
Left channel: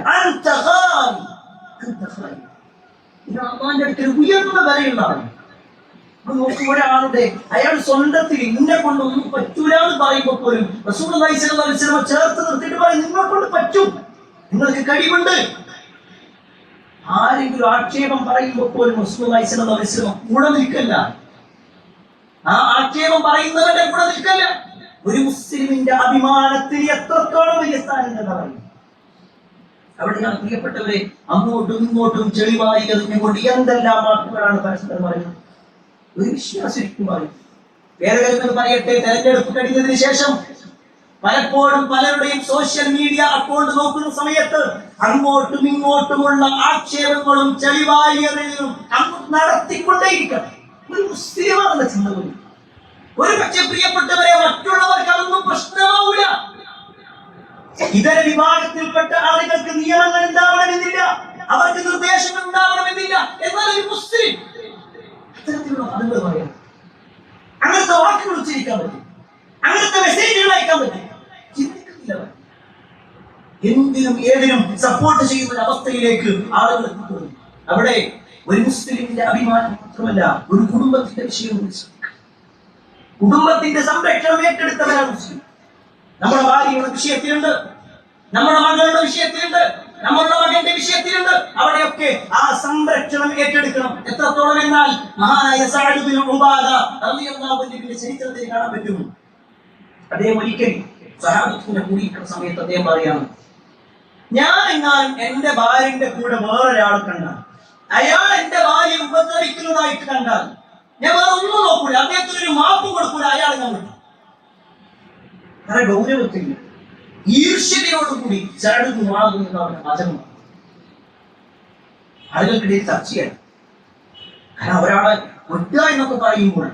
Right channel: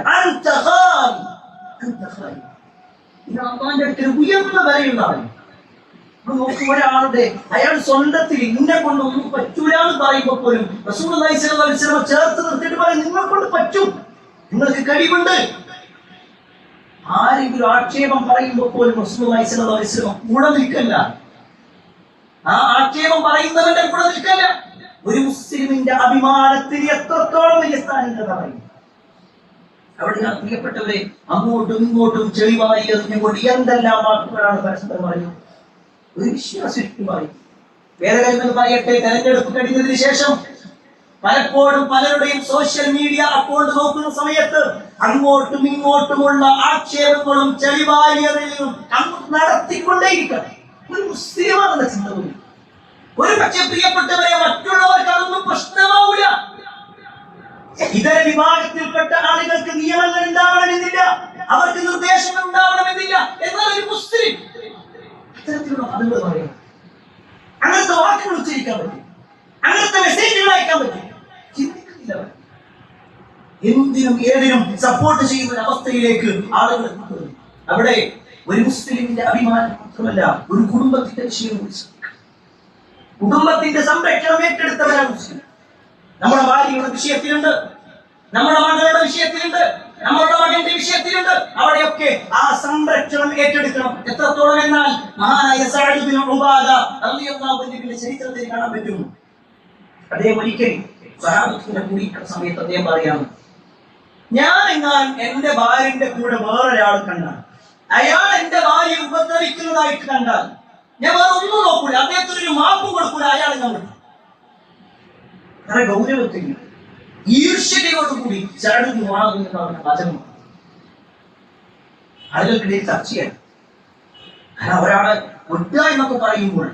അള്ളാന്റെ അടുക്കൽ ഉയർന്ന വിലയുള്ളതാണ്. നോക്കുമ്പോഴാളുടെ അയാൾ സ്വന്തത്തിൽ ഇന്നെ കൊണ്ട് ഒന്നും പറ്റൂല എന്ന് പറയുമ്പോൾ പോലും റസൂലുള്ളാഹി സ്വല്ലല്ലാഹു അലൈഹി വസല്ലം ചേർത്ത് നിർത്തിയിട്ട് പറയും, നിങ്ങളെ കൊണ്ട് പറ്റും, നിങ്ങൾക്ക് കഴിവുണ്ട്. ആരെങ്കിലും ആക്ഷേപം പറയുമ്പോൾ പോലും റസൂലുള്ളാഹി സ്വല്ലല്ലാഹു അലൈഹി വസല്ലം കൂടെ നിൽക്കല്ല, ആ ആക്ഷേപം പറയുന്നവന്റെ കൂടെ നിൽക്കല്ല. ഒരു മുസ്ലിമിന്റെ അഭിമാനത്തിന് എത്രത്തോളം വലിയ സ്ഥാനം എന്ന് പറയും. അവിടെയാണ് പ്രിയപ്പെട്ടവരെ അങ്ങോട്ടും ഇങ്ങോട്ടും ചെളിവായി എറിഞ്ഞുകൊണ്ട് എന്തെല്ലാം വാക്കുകളാണ് പരസ്പരം പറയുന്നത്. ഒരു വിശ്വാസം പറയും. വേദഗ്രന്ഥങ്ങൾ പറയട്ടെ, തെരഞ്ഞെടുപ്പ് കഴിഞ്ഞതിന് ശേഷം പലപ്പോഴും പലരുടെയും സോഷ്യൽ മീഡിയ അക്കൗണ്ട് നോക്കുന്ന സമയത്ത് അങ്ങോട്ടും ഇങ്ങോട്ടുമുള്ള ആക്ഷേപങ്ങളും ചെളിവാരിയറിയും അങ്ങോട്ട് നടത്തിക്കൊണ്ടേയിരിക്കണം. ഒരു മുസ്ലിമാണെന്ന ചിന്ത പോലും. ഒരു പക്ഷെ പ്രിയപ്പെട്ടവരെ മറ്റുള്ളവർക്ക് അതൊന്നും പ്രശ്നമാവൂല. ഇതര വിഭാഗത്തിൽപ്പെട്ട ആളുകൾക്ക് നിയമങ്ങൾ ഉണ്ടാവണമെന്നില്ല, അവർക്ക് നിർദ്ദേശങ്ങൾ ഉണ്ടാവണമെന്നില്ല. എന്നാൽ ഒരു മുസ്ലിം അത്തരത്തിലുള്ള ആളുകൾ പറയാം, അങ്ങനത്തെ വാക്കുകൾ ഉച്ചരിക്കാൻ പറ്റും, അങ്ങനത്തെ മെസ്സേജുകൾ അയക്കാൻ പറ്റും. ചിന്തിക്കുന്നില്ല. എന്തിനും ഏതിനും സപ്പോർട്ട് ചെയ്യുന്ന ഒരു അവസ്ഥയിലേക്ക് ആളുകൾ എത്തിപ്പെടുന്നു. അവിടെ ഒരു മുസ്ലിമിന്റെ അഭിമാനം മാത്രമല്ല, ഒരു കുടുംബത്തിന്റെ വിഷയം, കുടുംബത്തിന്റെ സംരക്ഷണം ഏറ്റെടുത്തവരാണ് മുസ്ലിം. നമ്മുടെ ഭാര്യയുടെ വിഷയത്തിലുണ്ട്, നമ്മുടെ മകളുടെ വിഷയത്തിലുണ്ട്, നമ്മളുടെ മകന്റെ വിഷയത്തിലുണ്ട്. അവിടെയൊക്കെ ആ സംരക്ഷണം ഏറ്റെടുക്കണം. എത്രത്തോളം എന്നാൽ മഹാനായ സഅദ് ബിൻ ഉബാദ റളിയല്ലാഹു അൻഹുവിന്റെ ചരിത്രത്തിൽ കാണാൻ പറ്റും. അദ്ദേഹം ഒരിക്കൽ സ്വഹാബത്തിന്റെ കൂടിയിരിക്കുന്ന സമയത്ത് അദ്ദേഹം പറയാണ്, ഞാൻ എങ്ങാനും എന്റെ ഭാര്യന്റെ കൂടെ വേറൊരാൾ കണ്ടാൽ, അയാൾ എന്റെ ഭാര്യ ഉപദ്രവിക്കുന്നതായിട്ട് കണ്ടാൽ ഞാൻ വേറെ ഒന്നും നോക്കൂല, അദ്ദേഹത്തിന് ഒരു മാപ്പ് കൊടുക്കൂല, അയാളെ ഞാൻ വിട്ടു. കാരണം ഗൗരവത്തിൽ ഈർഷ്യതയോടുകൂടി ചരടുന്നു വാങ്ങുന്ന വചനം ആളുകൾക്കിടയിൽ ചർച്ചയാണ്. കാരണം ഒരാളെ ഒറ്റ എന്നൊക്കെ പറയുമ്പോൾ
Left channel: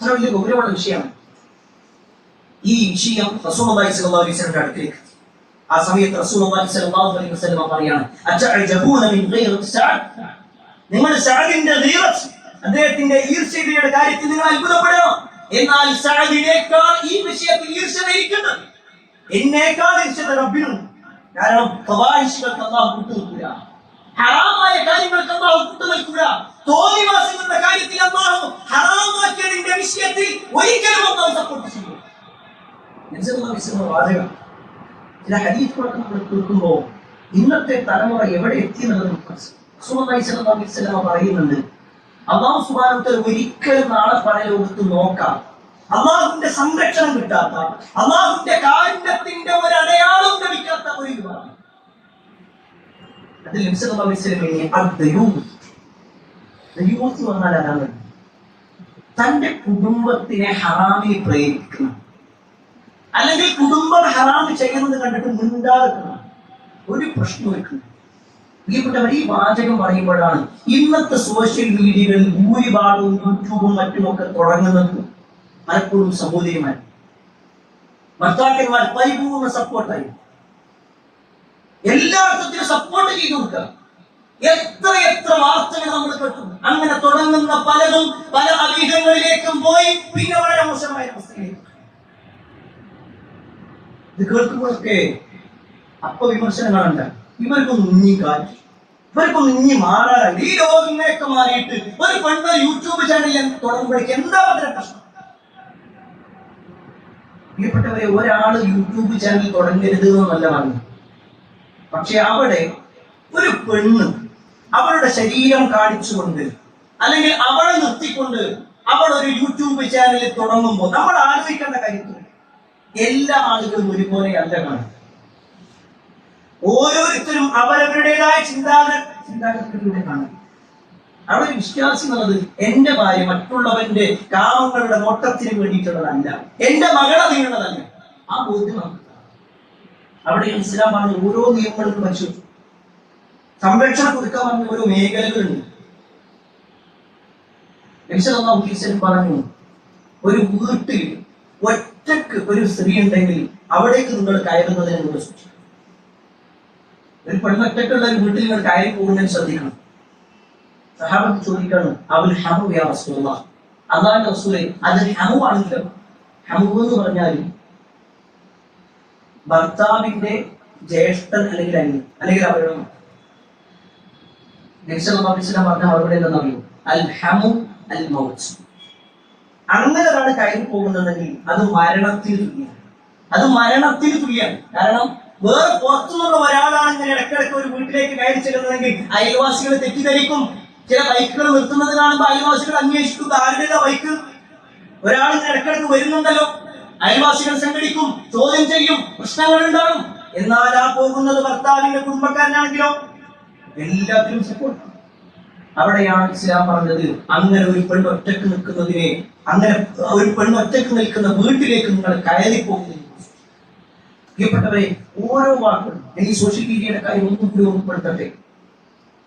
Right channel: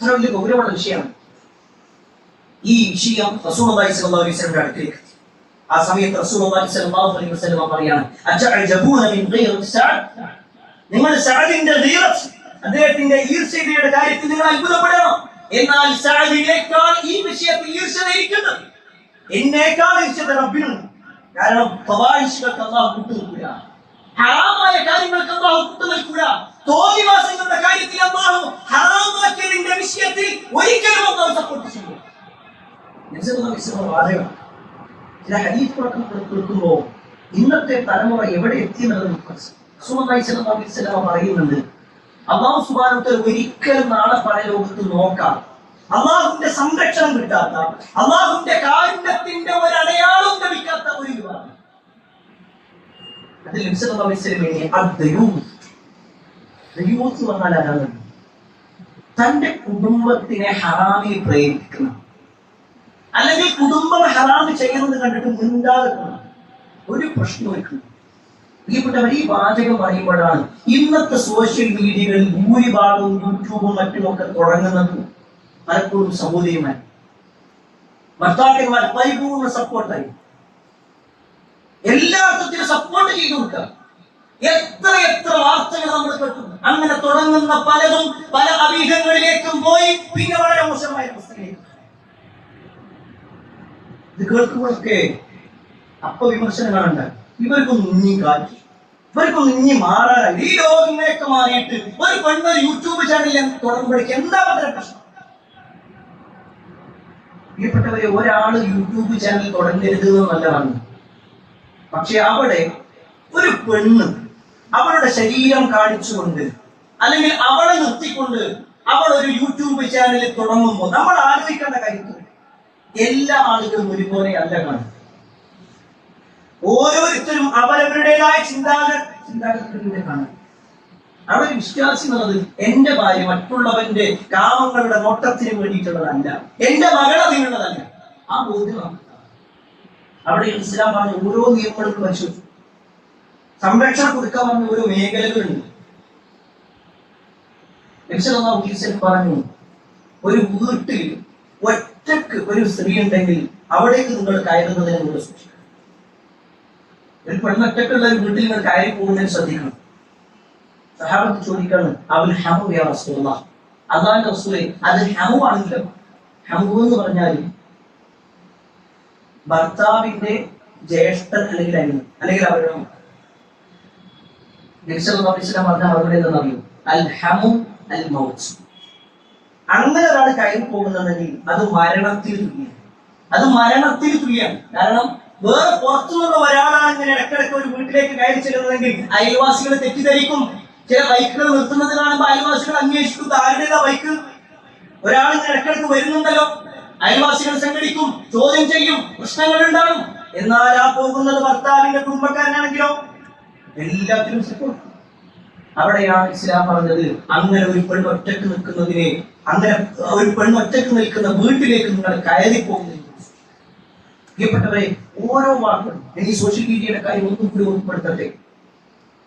അത്ര വലിയ ഗൗരവമുള്ള വിഷയമാണ്. ഈ വിഷയം റസൂലുള്ളാഹി സ്വല്ലല്ലാഹു അലൈഹി വസല്ലമയുടെ അടുത്തേക്ക്. ആ സമയത്ത് റസൂലുള്ളാഹി സ്വല്ലല്ലാഹു അലൈഹി വസല്ലം പറയാണ്, അജഅജബൂന മിൻ ഗൈറത്തി സഅദ്, നിങ്ങൾ സഅദിന്റെ ഗീറത്ത്, അദ്ദേഹത്തിന്റെ ഈർഷ്യതയുടെ കാര്യത്തിൽ നിങ്ങൾ അത്ഭുതപ്പെടണം. എന്നാൽ സഅദിനേക്കാൾ ഈ വിഷയത്തിൽ ഈർഷ്യത ഇരിക്കുന്നത്, എന്നേക്കാൾ ഈർഷ്യത റബ്ബിനുണ്ട്. കാരണം ഫവാഹിഷുകൾക്ക് അല്ലാഹു കൂട്ടുനിൽക്കില്ല, ഹറാമായ കാര്യങ്ങൾക്ക് അല്ലാഹു കൂട്ടുനിൽക്കില്ല, തോന്നിവാസങ്ങളുടെ കാര്യത്തിൽ അല്ലാഹു ഹറാമാക്കിയതിന്റെ വിഷയത്തിൽ ഒരിക്കലും അല്ലാഹു സപ്പോർട്ട് ചെയ്യില്ല. വാചകം ചില ഹദീസുകളൊക്കെ നമ്മൾ കേൾക്കുമ്പോൾ ഇന്നത്തെ തലമുറ എവിടെ എത്തിയെന്നുള്ളത് റസൂലുള്ളാഹി സ്വല്ലല്ലാഹു അലൈഹി വസല്ലം പറയുന്നുണ്ട്, അല്ലാഹു സുബ്ഹാനഹു വ തആല ഒരിക്കലും നാളെ പരലോകത്ത് നോക്കാം അല്ലാഹുവിന്റെ സംരക്ഷണം കിട്ടാത്ത, അല്ലാഹുവിന്റെ കാരുണ്യത്തിന്റെ ഒരു അടയാളം ലഭിക്കാത്ത ഒരു വിഭാഗം. അതിൽ നബി സല്ലല്ലാഹു അലൈഹി വസല്ലം വന്നാൽ ആരാണ്? തന്റെ കുടുംബത്തിനെ ഹറാമിൽ പ്രേരിപ്പിക്കണം, അല്ലെങ്കിൽ കുടുംബം ഹറാമ് ചെയ്യുന്നത് കണ്ടിട്ട് മുണ്ടാതെ ഒരു പ്രശ്നം വെക്കണം. പ്രിയപ്പെട്ടവർ, ഈ വാചകം പറയുമ്പോഴാണ് ഇന്നത്തെ സോഷ്യൽ മീഡിയകളിൽ ഭൂരിഭാഗവും യൂട്യൂബും മറ്റുമൊക്കെ തുടങ്ങുന്നത് പലപ്പോഴും സഹോദരിമാർ, ഭർത്താക്കന്മാർ പരിപൂർണ്ണ സപ്പോർട്ടായി എല്ലാ അർത്ഥത്തിലും സപ്പോർട്ട് ചെയ്തു കൊടുക്കുക. എത്ര വാർത്തകൾ നമ്മൾ കേട്ടു. അങ്ങനെ തുടങ്ങുന്ന പലതും പല അഭീഹങ്ങളിലേക്കും പോയി പിന്നെ വളരെ മോശമായ അവസ്ഥയിലേക്ക്. ഇത് കേൾക്കുമ്പോഴൊക്കെ അപ്പൊ വിമർശനങ്ങളുണ്ട്. ഇവർക്കൊന്നും ഇനി കാറ്റ്, ഇവർക്കൊന്നും ഇനി മാറാനായി. ഈ ലോകമൊക്കെ മാറിയിട്ട് ഒരു പെണ്ണ് യൂട്യൂബ് ചാനൽ തുടങ്ങുമ്പോഴേക്ക് എന്താ പറ്റുന്ന പ്രശ്നം? പ്രിയപ്പെട്ടവരെ, ഒരാള് യൂട്യൂബ് ചാനൽ തുടങ്ങരുത് എന്നല്ല പറഞ്ഞു. പക്ഷെ അവിടെ ഒരു പെണ്ണ് അവളുടെ ശരീരം കാണിച്ചുകൊണ്ട് അല്ലെങ്കിൽ അവളെ നിർത്തിക്കൊണ്ട് അവൾ ഒരു യൂട്യൂബ് ചാനൽ തുടങ്ങുമ്പോൾ നമ്മൾ ആലോചിക്കേണ്ട കാര്യത്തിൽ എല്ലാ ആളുകളും ഒരുപോലെ അല്ല കാണും. ഓരോരുത്തരും അവരവരുടേതായ ചിന്താഗതികളിലൂടെ കാണും. അവിടെ വിശ്വാസി എന്നുള്ളത് എന്റെ ഭാര്യ മറ്റുള്ളവന്റെ കാമങ്ങളുടെ നോട്ടത്തിന് വേണ്ടിയിട്ടുള്ളതല്ല, എന്റെ മകളെ നീങ്ങുന്നതല്ല. ആ ബോധ്യമാണ് അവിടെ ഇസ്ലാം പറഞ്ഞ ഓരോ നിയമങ്ങളും പരിശോധിച്ചു. സംരക്ഷണം കൊടുക്കാൻ പറഞ്ഞ ഓരോ മേഖലകളുണ്ട്. നബി സല്ലല്ലാഹു അലൈഹി വസല്ലം പറഞ്ഞു, ഒരു വീട്ടിൽ ഒറ്റക്ക് ഒരു സ്ത്രീ ഉണ്ടെങ്കിൽ അവിടേക്ക് നിങ്ങൾ കയറുന്നതിനെ നിങ്ങൾ സൂക്ഷിക്കണം. ഒരു പെണ്ണൊറ്റക്കുള്ള ഒരു വീട്ടിൽ നിങ്ങൾ കയറി പോകുന്നതിന് ശ്രദ്ധിക്കണം. സഹാബത്ത് ചോദിക്കാണ്, അവൽ ഹമു യാ റസൂലല്ലാഹ്, അല്ലാഹുവിന്റെ റസൂലേ അത് ഹമു ആണെങ്കിലോ? ഹമു എന്ന് പറഞ്ഞാൽ ഭർത്താവിന്റെ ജ്യേഷ്ഠൻ അല്ലെങ്കിൽ അനിയൻ അല്ലെങ്കിൽ അവരുടെ നബി സല്ലല്ലാഹു അലൈഹി വസല്ലം പറഞ്ഞ മറുപടി എന്താണെന്നറിയോ? അൽ ഹമു അൽ മൗത്ത്. അങ്ങനെ ഒരാൾ കയറി പോകുന്നുണ്ടെങ്കിൽ അത് മരണത്തിൽ തുല്യാണ്, അത് മരണത്തിൽ തുല്യാണ്. കാരണം വേറെ പുറത്തുനിന്നുള്ള ഒരാളാണ് ഇങ്ങനെ ഇടയ്ക്കിടയ്ക്ക് ഒരു വീട്ടിലേക്ക് കയറി ചെല്ലുന്നതെങ്കിൽ അയൽവാസികൾ തെറ്റിദ്ധരിക്കും. ചില ബൈക്കുകൾ നിർത്തുന്നത് കാണുമ്പോൾ അയൽവാസികൾ അന്വേഷിക്കും, ആരുടേതാ ബൈക്ക്? ഒരാൾ ഇങ്ങനെ ഇടയ്ക്കിടയ്ക്ക് വരുന്നുണ്ടല്ലോ. അയൽവാസികൾ സംഘടിക്കും, ചോദ്യം ചെയ്യും, പ്രശ്നങ്ങൾ ഉണ്ടാകും. എന്നാൽ ആ പോകുന്നത് ഭർത്താവിന്റെ കുടുംബക്കാരനാണെങ്കിലോ എല്ലാത്തിലും സപ്പോർട്ട്. അവിടെയാണ് ഇസ്ലാം പറഞ്ഞത് അങ്ങനെ ഒരു പെണ്ണ് ഒറ്റക്ക് നിൽക്കുന്നതിനെ, അങ്ങനെ ഒരു പെണ്ണ് ഒറ്റക്ക് നിൽക്കുന്ന വീട്ടിലേക്ക് നിങ്ങൾ കയറി പോകുന്നു. പ്രിയപ്പെട്ടവരെ, ഓരോ വാക്കുകളും ഈ സോഷ്യൽ മീഡിയയുടെ കാര്യം ഒന്നും കൂടി ഉൾപ്പെടുത്തട്ടെ.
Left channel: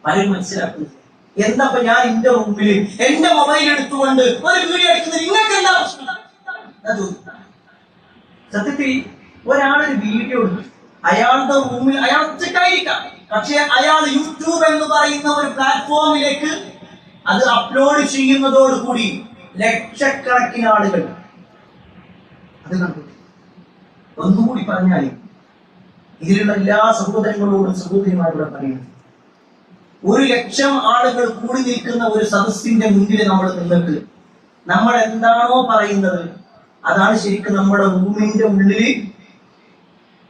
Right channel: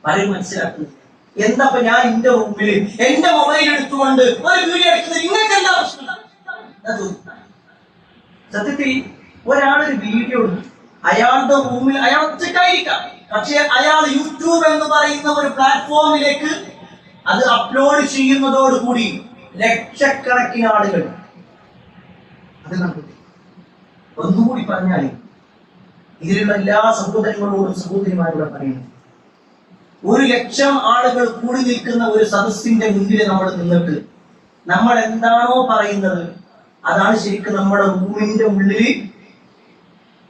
പലരും മനസ്സിലാക്കുന്നത് എന്താ, ഞാൻ എന്റെ റൂമിൽ എന്റെ മൊബൈൽ എടുത്തുകൊണ്ട് ഒരു വീഡിയോ എടുക്കുന്നത് നിങ്ങൾക്ക് എന്താ പ്രശ്നം? സത്യത്തിൽ ഒരാളൊരു വീഡിയോ എടുത്തു, അയാളുടെ റൂമിൽ അയാൾ ഒറ്റയ്ക്കായിരിക്കാം, പക്ഷെ അയാൾ യൂട്യൂബ് എന്ന് പറയുന്ന ഒരു പ്ലാറ്റ്ഫോമിലേക്ക് അത് അപ്ലോഡ് ചെയ്യുന്നതോടുകൂടി ലക്ഷക്കണക്കിന് ആളുകൾ അത് കണ്ടു. ഒന്നുകൂടി പറഞ്ഞാൽ ഇതിലുള്ള എല്ലാ സഹോദരങ്ങളോടും സഹോദരിമാരോടും പറയുന്നത്, 1,00,000 ആളുകൾ കൂടി നിൽക്കുന്ന ഒരു സദസ്സിന്റെ മുന്നിൽ നമ്മൾ നിന്നിട്ട് നമ്മൾ എന്താണോ പറയുന്നത് അതാണ് ശരിക്കും നമ്മുടെ റൂമിന്റെ ഉള്ളിൽ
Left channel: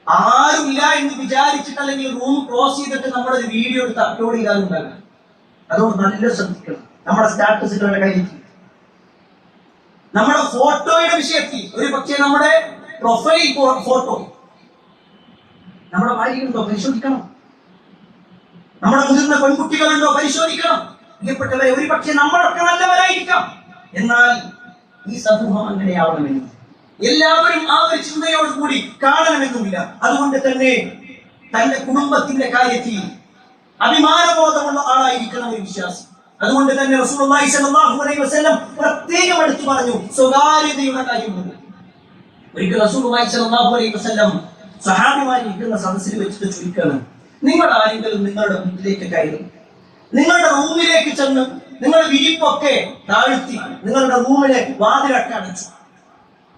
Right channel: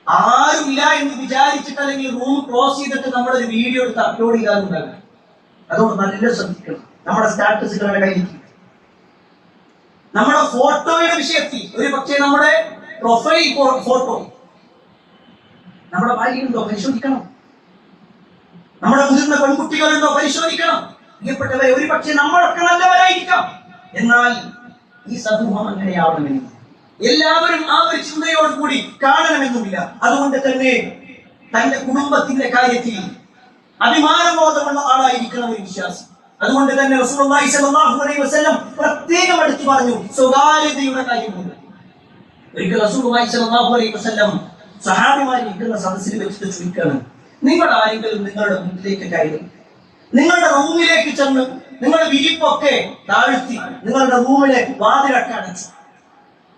ആരുമില്ല എന്ന് വിചാരിച്ചിട്ട്, അല്ലെങ്കിൽ റൂം ക്ലോസ് ചെയ്തിട്ട് നമ്മളൊരു വീഡിയോ എടുത്ത് അപ്ലോഡ് ചെയ്താലുണ്ടാകാം. അതുകൊണ്ട് നല്ല ശ്രദ്ധിക്കണം. നമ്മുടെ സ്റ്റാറ്റസുകളുടെ കയ്യിൽ, നമ്മുടെ ഫോട്ടോയുടെ വിഷയത്തിൽ, ഒരു പക്ഷേ നമ്മുടെ പ്രൊഫൈൽ ഫോട്ടോ നമ്മുടെ ഭാര്യയുണ്ടോ പരിശോധിക്കണം, നമ്മുടെ മുതിർന്ന പെൺകുട്ടികളുണ്ടോ പരിശോധിക്കണം. പ്രിയപ്പെട്ടവരെ, ഒരു പക്ഷേ നമ്മളൊക്കെ നല്ലവരായിരിക്കാം, എന്നാൽ ഈ സമൂഹം അങ്ങനെയാവണമെന്നില്ല. എല്ലാവരും ആ ഒരു ചിന്തയോടുകൂടി കാണണമെന്നുമില്ല. അതുകൊണ്ട് തന്നെ തന്റെ കുടുംബത്തിന്റെ കാര്യത്തിൽ അഭിമാനബോധമുള്ള ആളായിരിക്കണം ഒരു വിശ്വാസി. അതുകൊണ്ട് തന്നെ റസൂലുള്ളാഹി സ്വല്ലല്ലാഹു അലൈഹി വസല്ലം പ്രത്യേകം എടുത്തു പറഞ്ഞു സ്വകാര്യതയുടെ കാര്യമുണ്ട്. ഒരിക്കൽ റസൂലുള്ളാഹി സ്വല്ലല്ലാഹു അലൈഹി വസല്ലം സഹാബിമാരിരിക്കുന്ന സദസ്സിൽ വെച്ചിട്ട് ചോദിക്കുകയാണ്, നിങ്ങൾ ആരെങ്കിലും നിങ്ങളുടെ വീട്ടിലേക്ക് കയറി നിങ്ങളുടെ റൂമിലേക്ക് ചെന്ന് നിങ്ങൾ വിരിപ്പൊക്കെ താഴ്ത്തി നിങ്ങളുടെ റൂമിലെ വാതിലൊക്കെ അടച്ചു,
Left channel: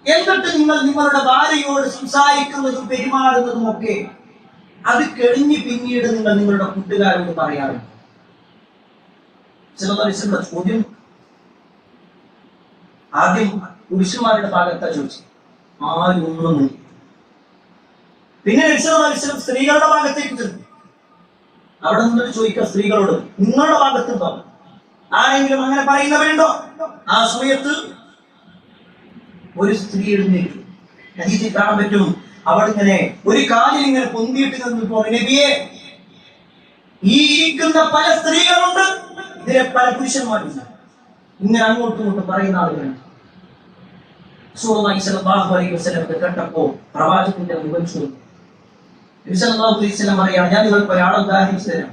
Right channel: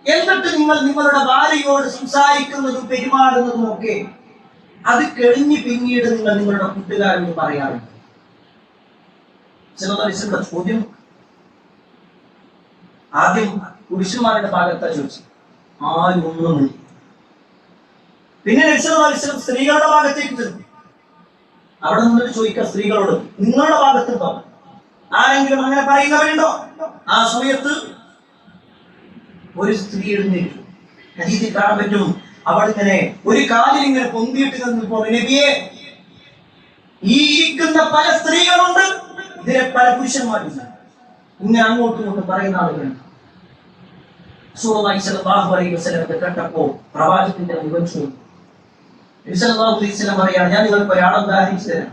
എന്നിട്ട് നിങ്ങൾ നിങ്ങളുടെ ഭാര്യയോട് സംസാരിക്കുന്നതും പെരുമാറുന്നതും ഒക്കെ അത് കഴിഞ്ഞ് പിന്നീട് നിങ്ങൾ നിങ്ങളുടെ കൂട്ടുകാരോട് പറയാറുണ്ട്? ചില ചോദ്യം ആദ്യം പുരുഷന്മാരുടെ ഭാഗത്താ ചോദിച്ചു, ആരും ഒന്നും ഇല്ല. പിന്നെ സ്ത്രീകളുടെ ഭാഗത്തേക്ക് ചെന്നു, അവിടെ നിന്നിട്ട് ചോദിക്കുക സ്ത്രീകളോട്, നിങ്ങളുടെ ഭാഗത്തുണ്ടോ ആരെങ്കിലും അങ്ങനെ പറയുന്നവരുണ്ടോ? ആ സമയത്ത് ഒരു സ്ത്രീ എഴുന്നേറ്റു. ഹദീസിൽ കാണാൻ പറ്റും, അവൾ ഇങ്ങനെ ഒരു കാലിൽ ഇങ്ങനെ പൊന്തിയിട്ട് നിന്നപ്പോ, നബിയെ, ഈ ഇരിക്കുന്ന പല സ്ത്രീകളുണ്ട്, ഇതിലെ പല പുരുഷന്മാരുണ്ട്, ഇങ്ങനെ അങ്ങോട്ടും ഇങ്ങോട്ടും പറയുന്ന ആളുകളുണ്ട്. റസൂലുള്ളാഹി സ്വല്ലല്ലാഹു അലൈഹി വസല്ലം കേട്ടപ്പോ പ്രവാചകന്റെ മുഖം ചുവന്നു. നബി സല്ലല്ലാഹു അലൈഹി വസല്ലം പറയാണ്, ഞാൻ നിങ്ങൾക്ക് ഒരാളെ ഉദാഹരിച്ചു തരാം.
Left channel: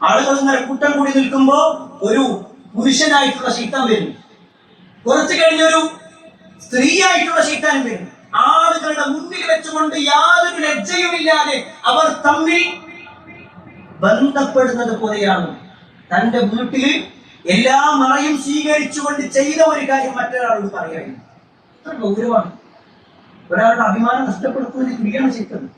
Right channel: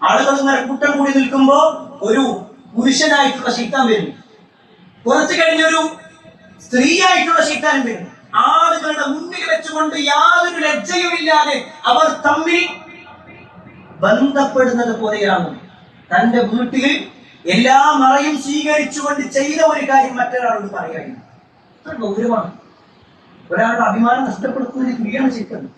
ആളുകൾ ഇങ്ങനെ കൂട്ടം കൂടി നിൽക്കുമ്പോ ഒരു പുരുഷനായിട്ടുള്ള ശൈത്താൻ വരും, കുറച്ചു കഴിഞ്ഞൊരു സ്ത്രീ ആയിട്ടുള്ള ശൈത്താൻ വരും. ആളുകളുടെ മുന്നിൽ വെച്ചുകൊണ്ട് യാതൊരു ലജ്ജയുമില്ലാതെ അവർ തമ്മിൽ ബന്ധപ്പെടുന്നത് പോലെയാണ്. തന്റെ വീട്ടിൽ എല്ലാ മറയും സ്വീകരിച്ചുകൊണ്ട് ചെയ്ത ഒരു കാര്യം മറ്റൊരാളോട് പറയായിരുന്നു. അത്ര ഗൗരവമാണ്. ഒരാളുടെ അഭിമാനം നഷ്ടപ്പെടുത്തുന്നതിന് തുല്യാണ് ചെയ്യുന്നത്.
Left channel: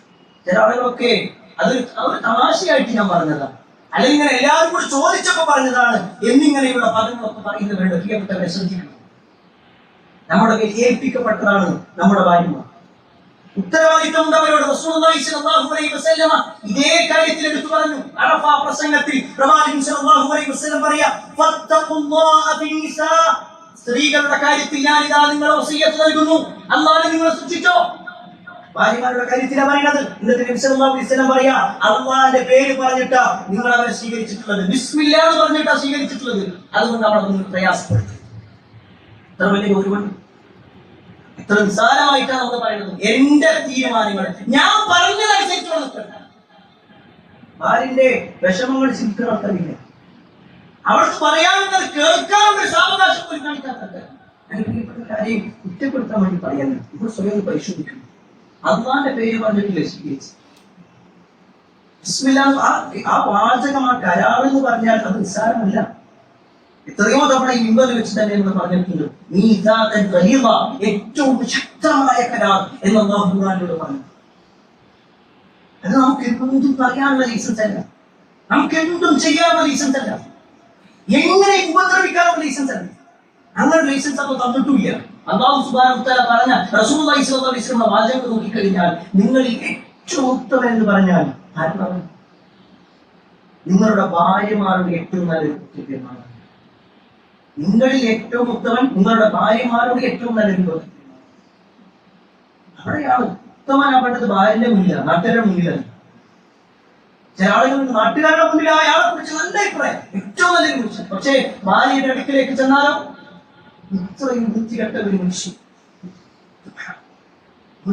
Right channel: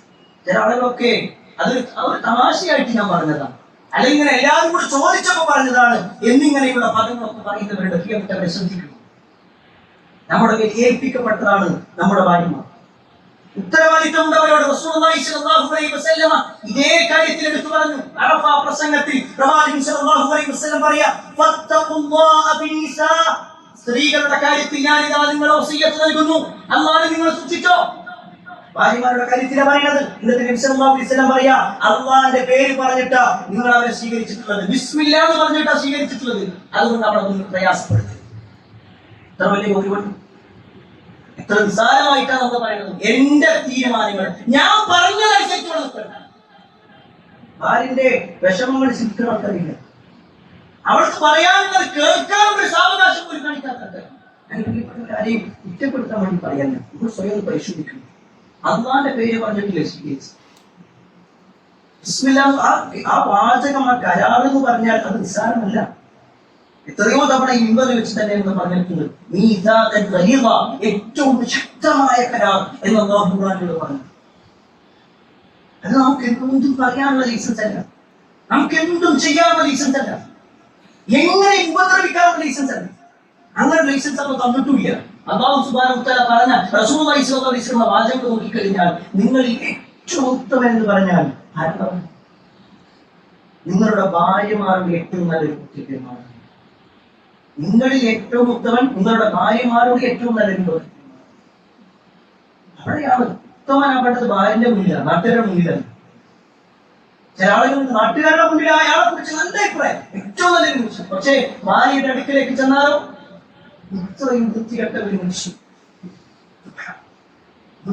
ചില ആളുകളൊക്കെ അതൊരു തമാശയായിട്ട് ഞാൻ പറഞ്ഞതാണ്, അല്ലെങ്കിൽ എല്ലാവരും കൂടി ചോദിച്ചപ്പോ പറഞ്ഞതാണ് എന്നിങ്ങനെയുള്ള പദങ്ങളൊക്കെ പറയുന്നവരുടെ പ്രിയപ്പെട്ടവരെ ശ്രദ്ധിക്കണം. നമ്മുടെ മേൽ ഏൽപ്പിക്കപ്പെട്ടതാണ് നമ്മുടെ ഭാര്യമാർ. ഉത്തരവാദിത്തമുണ്ടവരോട് റസൂലുള്ളാഹി സ്വല്ലല്ലാഹു അലൈഹി വസല്ലം ഇതേ കാര്യത്തിൽ എടുത്തു പറഞ്ഞു. അറഫ പ്രസംഗത്തിൽ പ്രവാചകൻ സ്വല്ലല്ലാഹു അലൈഹി വസല്ലം പറയാ, ഫത്തഖുല്ലാഹ ഫിന്നിസാ, സ്ത്രീകളുടെ കാര്യത്തിൽ ഞാനിതാ നിങ്ങളെ വസിയ്യത്ത് നൽകുന്നു, അല്ലാഹുവിനെ നിങ്ങൾ സൂക്ഷിച്ചോ. ഭാര്യമാരുടെ കാര്യത്തിലാണ് പറയുന്നത്. എന്നിട്ട് നബി സല്ലല്ലാഹു അലൈഹി വസല്ലം പറയാ, അല്ലാഹുവിന്റെ പേര് പറഞ്ഞിട്ടാ നിങ്ങൾ അവരെ സ്വീകരിച്ചിട്ടുള്ളത്, ബിസ്മില്ലാ എന്ന് പറഞ്ഞിട്ടാ സ്വീകരിച്ചിട്ടുള്ളത്, അതുകൊണ്ട് അവളൊന്നും പ്രയാസപ്പെടുത്തും. എത്ര വലിയ ഗൗരവം, എത്ര നിസ്സാരമായിട്ടാണ് നമ്മൾ പറയുന്നത്. എന്റെ തീരുമാനങ്ങൾ ഞാൻ പറഞ്ഞതനുസരിച്ച് നിൽക്കണ്ട. ഭാര്യന്റെ വിഷമങ്ങൾ ചിന്തിക്കുന്ന ആൾക്കാരില്ല, അവൾക്ക് പറയാനുള്ളത് കേൾക്കാനുള്ള ഒരു സാവകാശം പോലും കാണിക്കാത്ത. ആരെയും കുറ്റപ്പെടുത്താൻ വേണ്ടി പറയാൻ നമ്മൾ സ്വയം പരിശോധിക്കുന്നു. അള്ളാന്റെ പേര് പറഞ്ഞിട്ടില്ലേ സ്വീകരിച്ചു? ആ വാചകം, ആ കരാർ എന്ന് പറഞ്ഞാൽ അത് നിസ്സാരമല്ല. എത്രയോ തവണ ഈ ഇമ്പതിൽ വെച്ച് തന്നെ നമ്മൾ പറഞ്ഞിട്ടുണ്ട്, നീ ഏറ്റവും ശക്തമായ കരാർ എന്ന് അല്ലാഹു ഖുർആനിലൂടെ പറഞ്ഞു. അത് നമുക്ക് എന്തും പറയാനുള്ള ലൈസൻസ് അല്ല, നമുക്ക് എന്തും ചെയ്യാനുള്ള ലൈസൻസ് അല്ല, എങ്ങനെ ഉപദ്രവിക്കാനുള്ള ലൈസൻസ് അല്ല. അങ്ങനെ ലൈസൻസ് അപ്പൊ തന്നിട്ടില്ല. അല്ലാഹു സുബ്ഹാനഹു വ തആല പറഞ്ഞ റസൂലുള്ളാഹി സ്വല്ലല്ലാഹു അലൈഹി വസല്ലം വാചകം നോക്കിക്കഴിഞ്ഞാൽ നിങ്ങളിൽ ഏറ്റവും ഉത്തമൻ എന്ന് പറഞ്ഞാൽ ആരാണ്? നിങ്ങളുടെ ഭാര്യമാരുടെ ഏറ്റവും നല്ലൊരു കുറ്റമാണ്. നിങ്ങളിൽ ഏറ്റവും ഉത്തമൻ നിങ്ങളുടെ ഭാര്യമാരുടെ ഏറ്റവും നല്ലൊരു. അവിടെയാണ് ഉത്തമനാവേണ്ടത് ഭാര്യന്റെ മുന്നിലാണ്, നാട്ടുകാരുടെ മുന്നിലാണ്. ചില ആളുകൾ നാട്ടുകാരുടെ മുന്നിൽ അയാളെ കുറിച്ച് നല്ല അഭിപ്രായം, ഏറ്റവും നല്ലൊരു മനുഷ്യൻ. പക്ഷേ ഭാര്യയുടെ അടുക്കിലേക്ക് ചെന്നാലോ ഇത്രയും വൃത്തികെട്ട ഒരു മനുഷ്യൻ.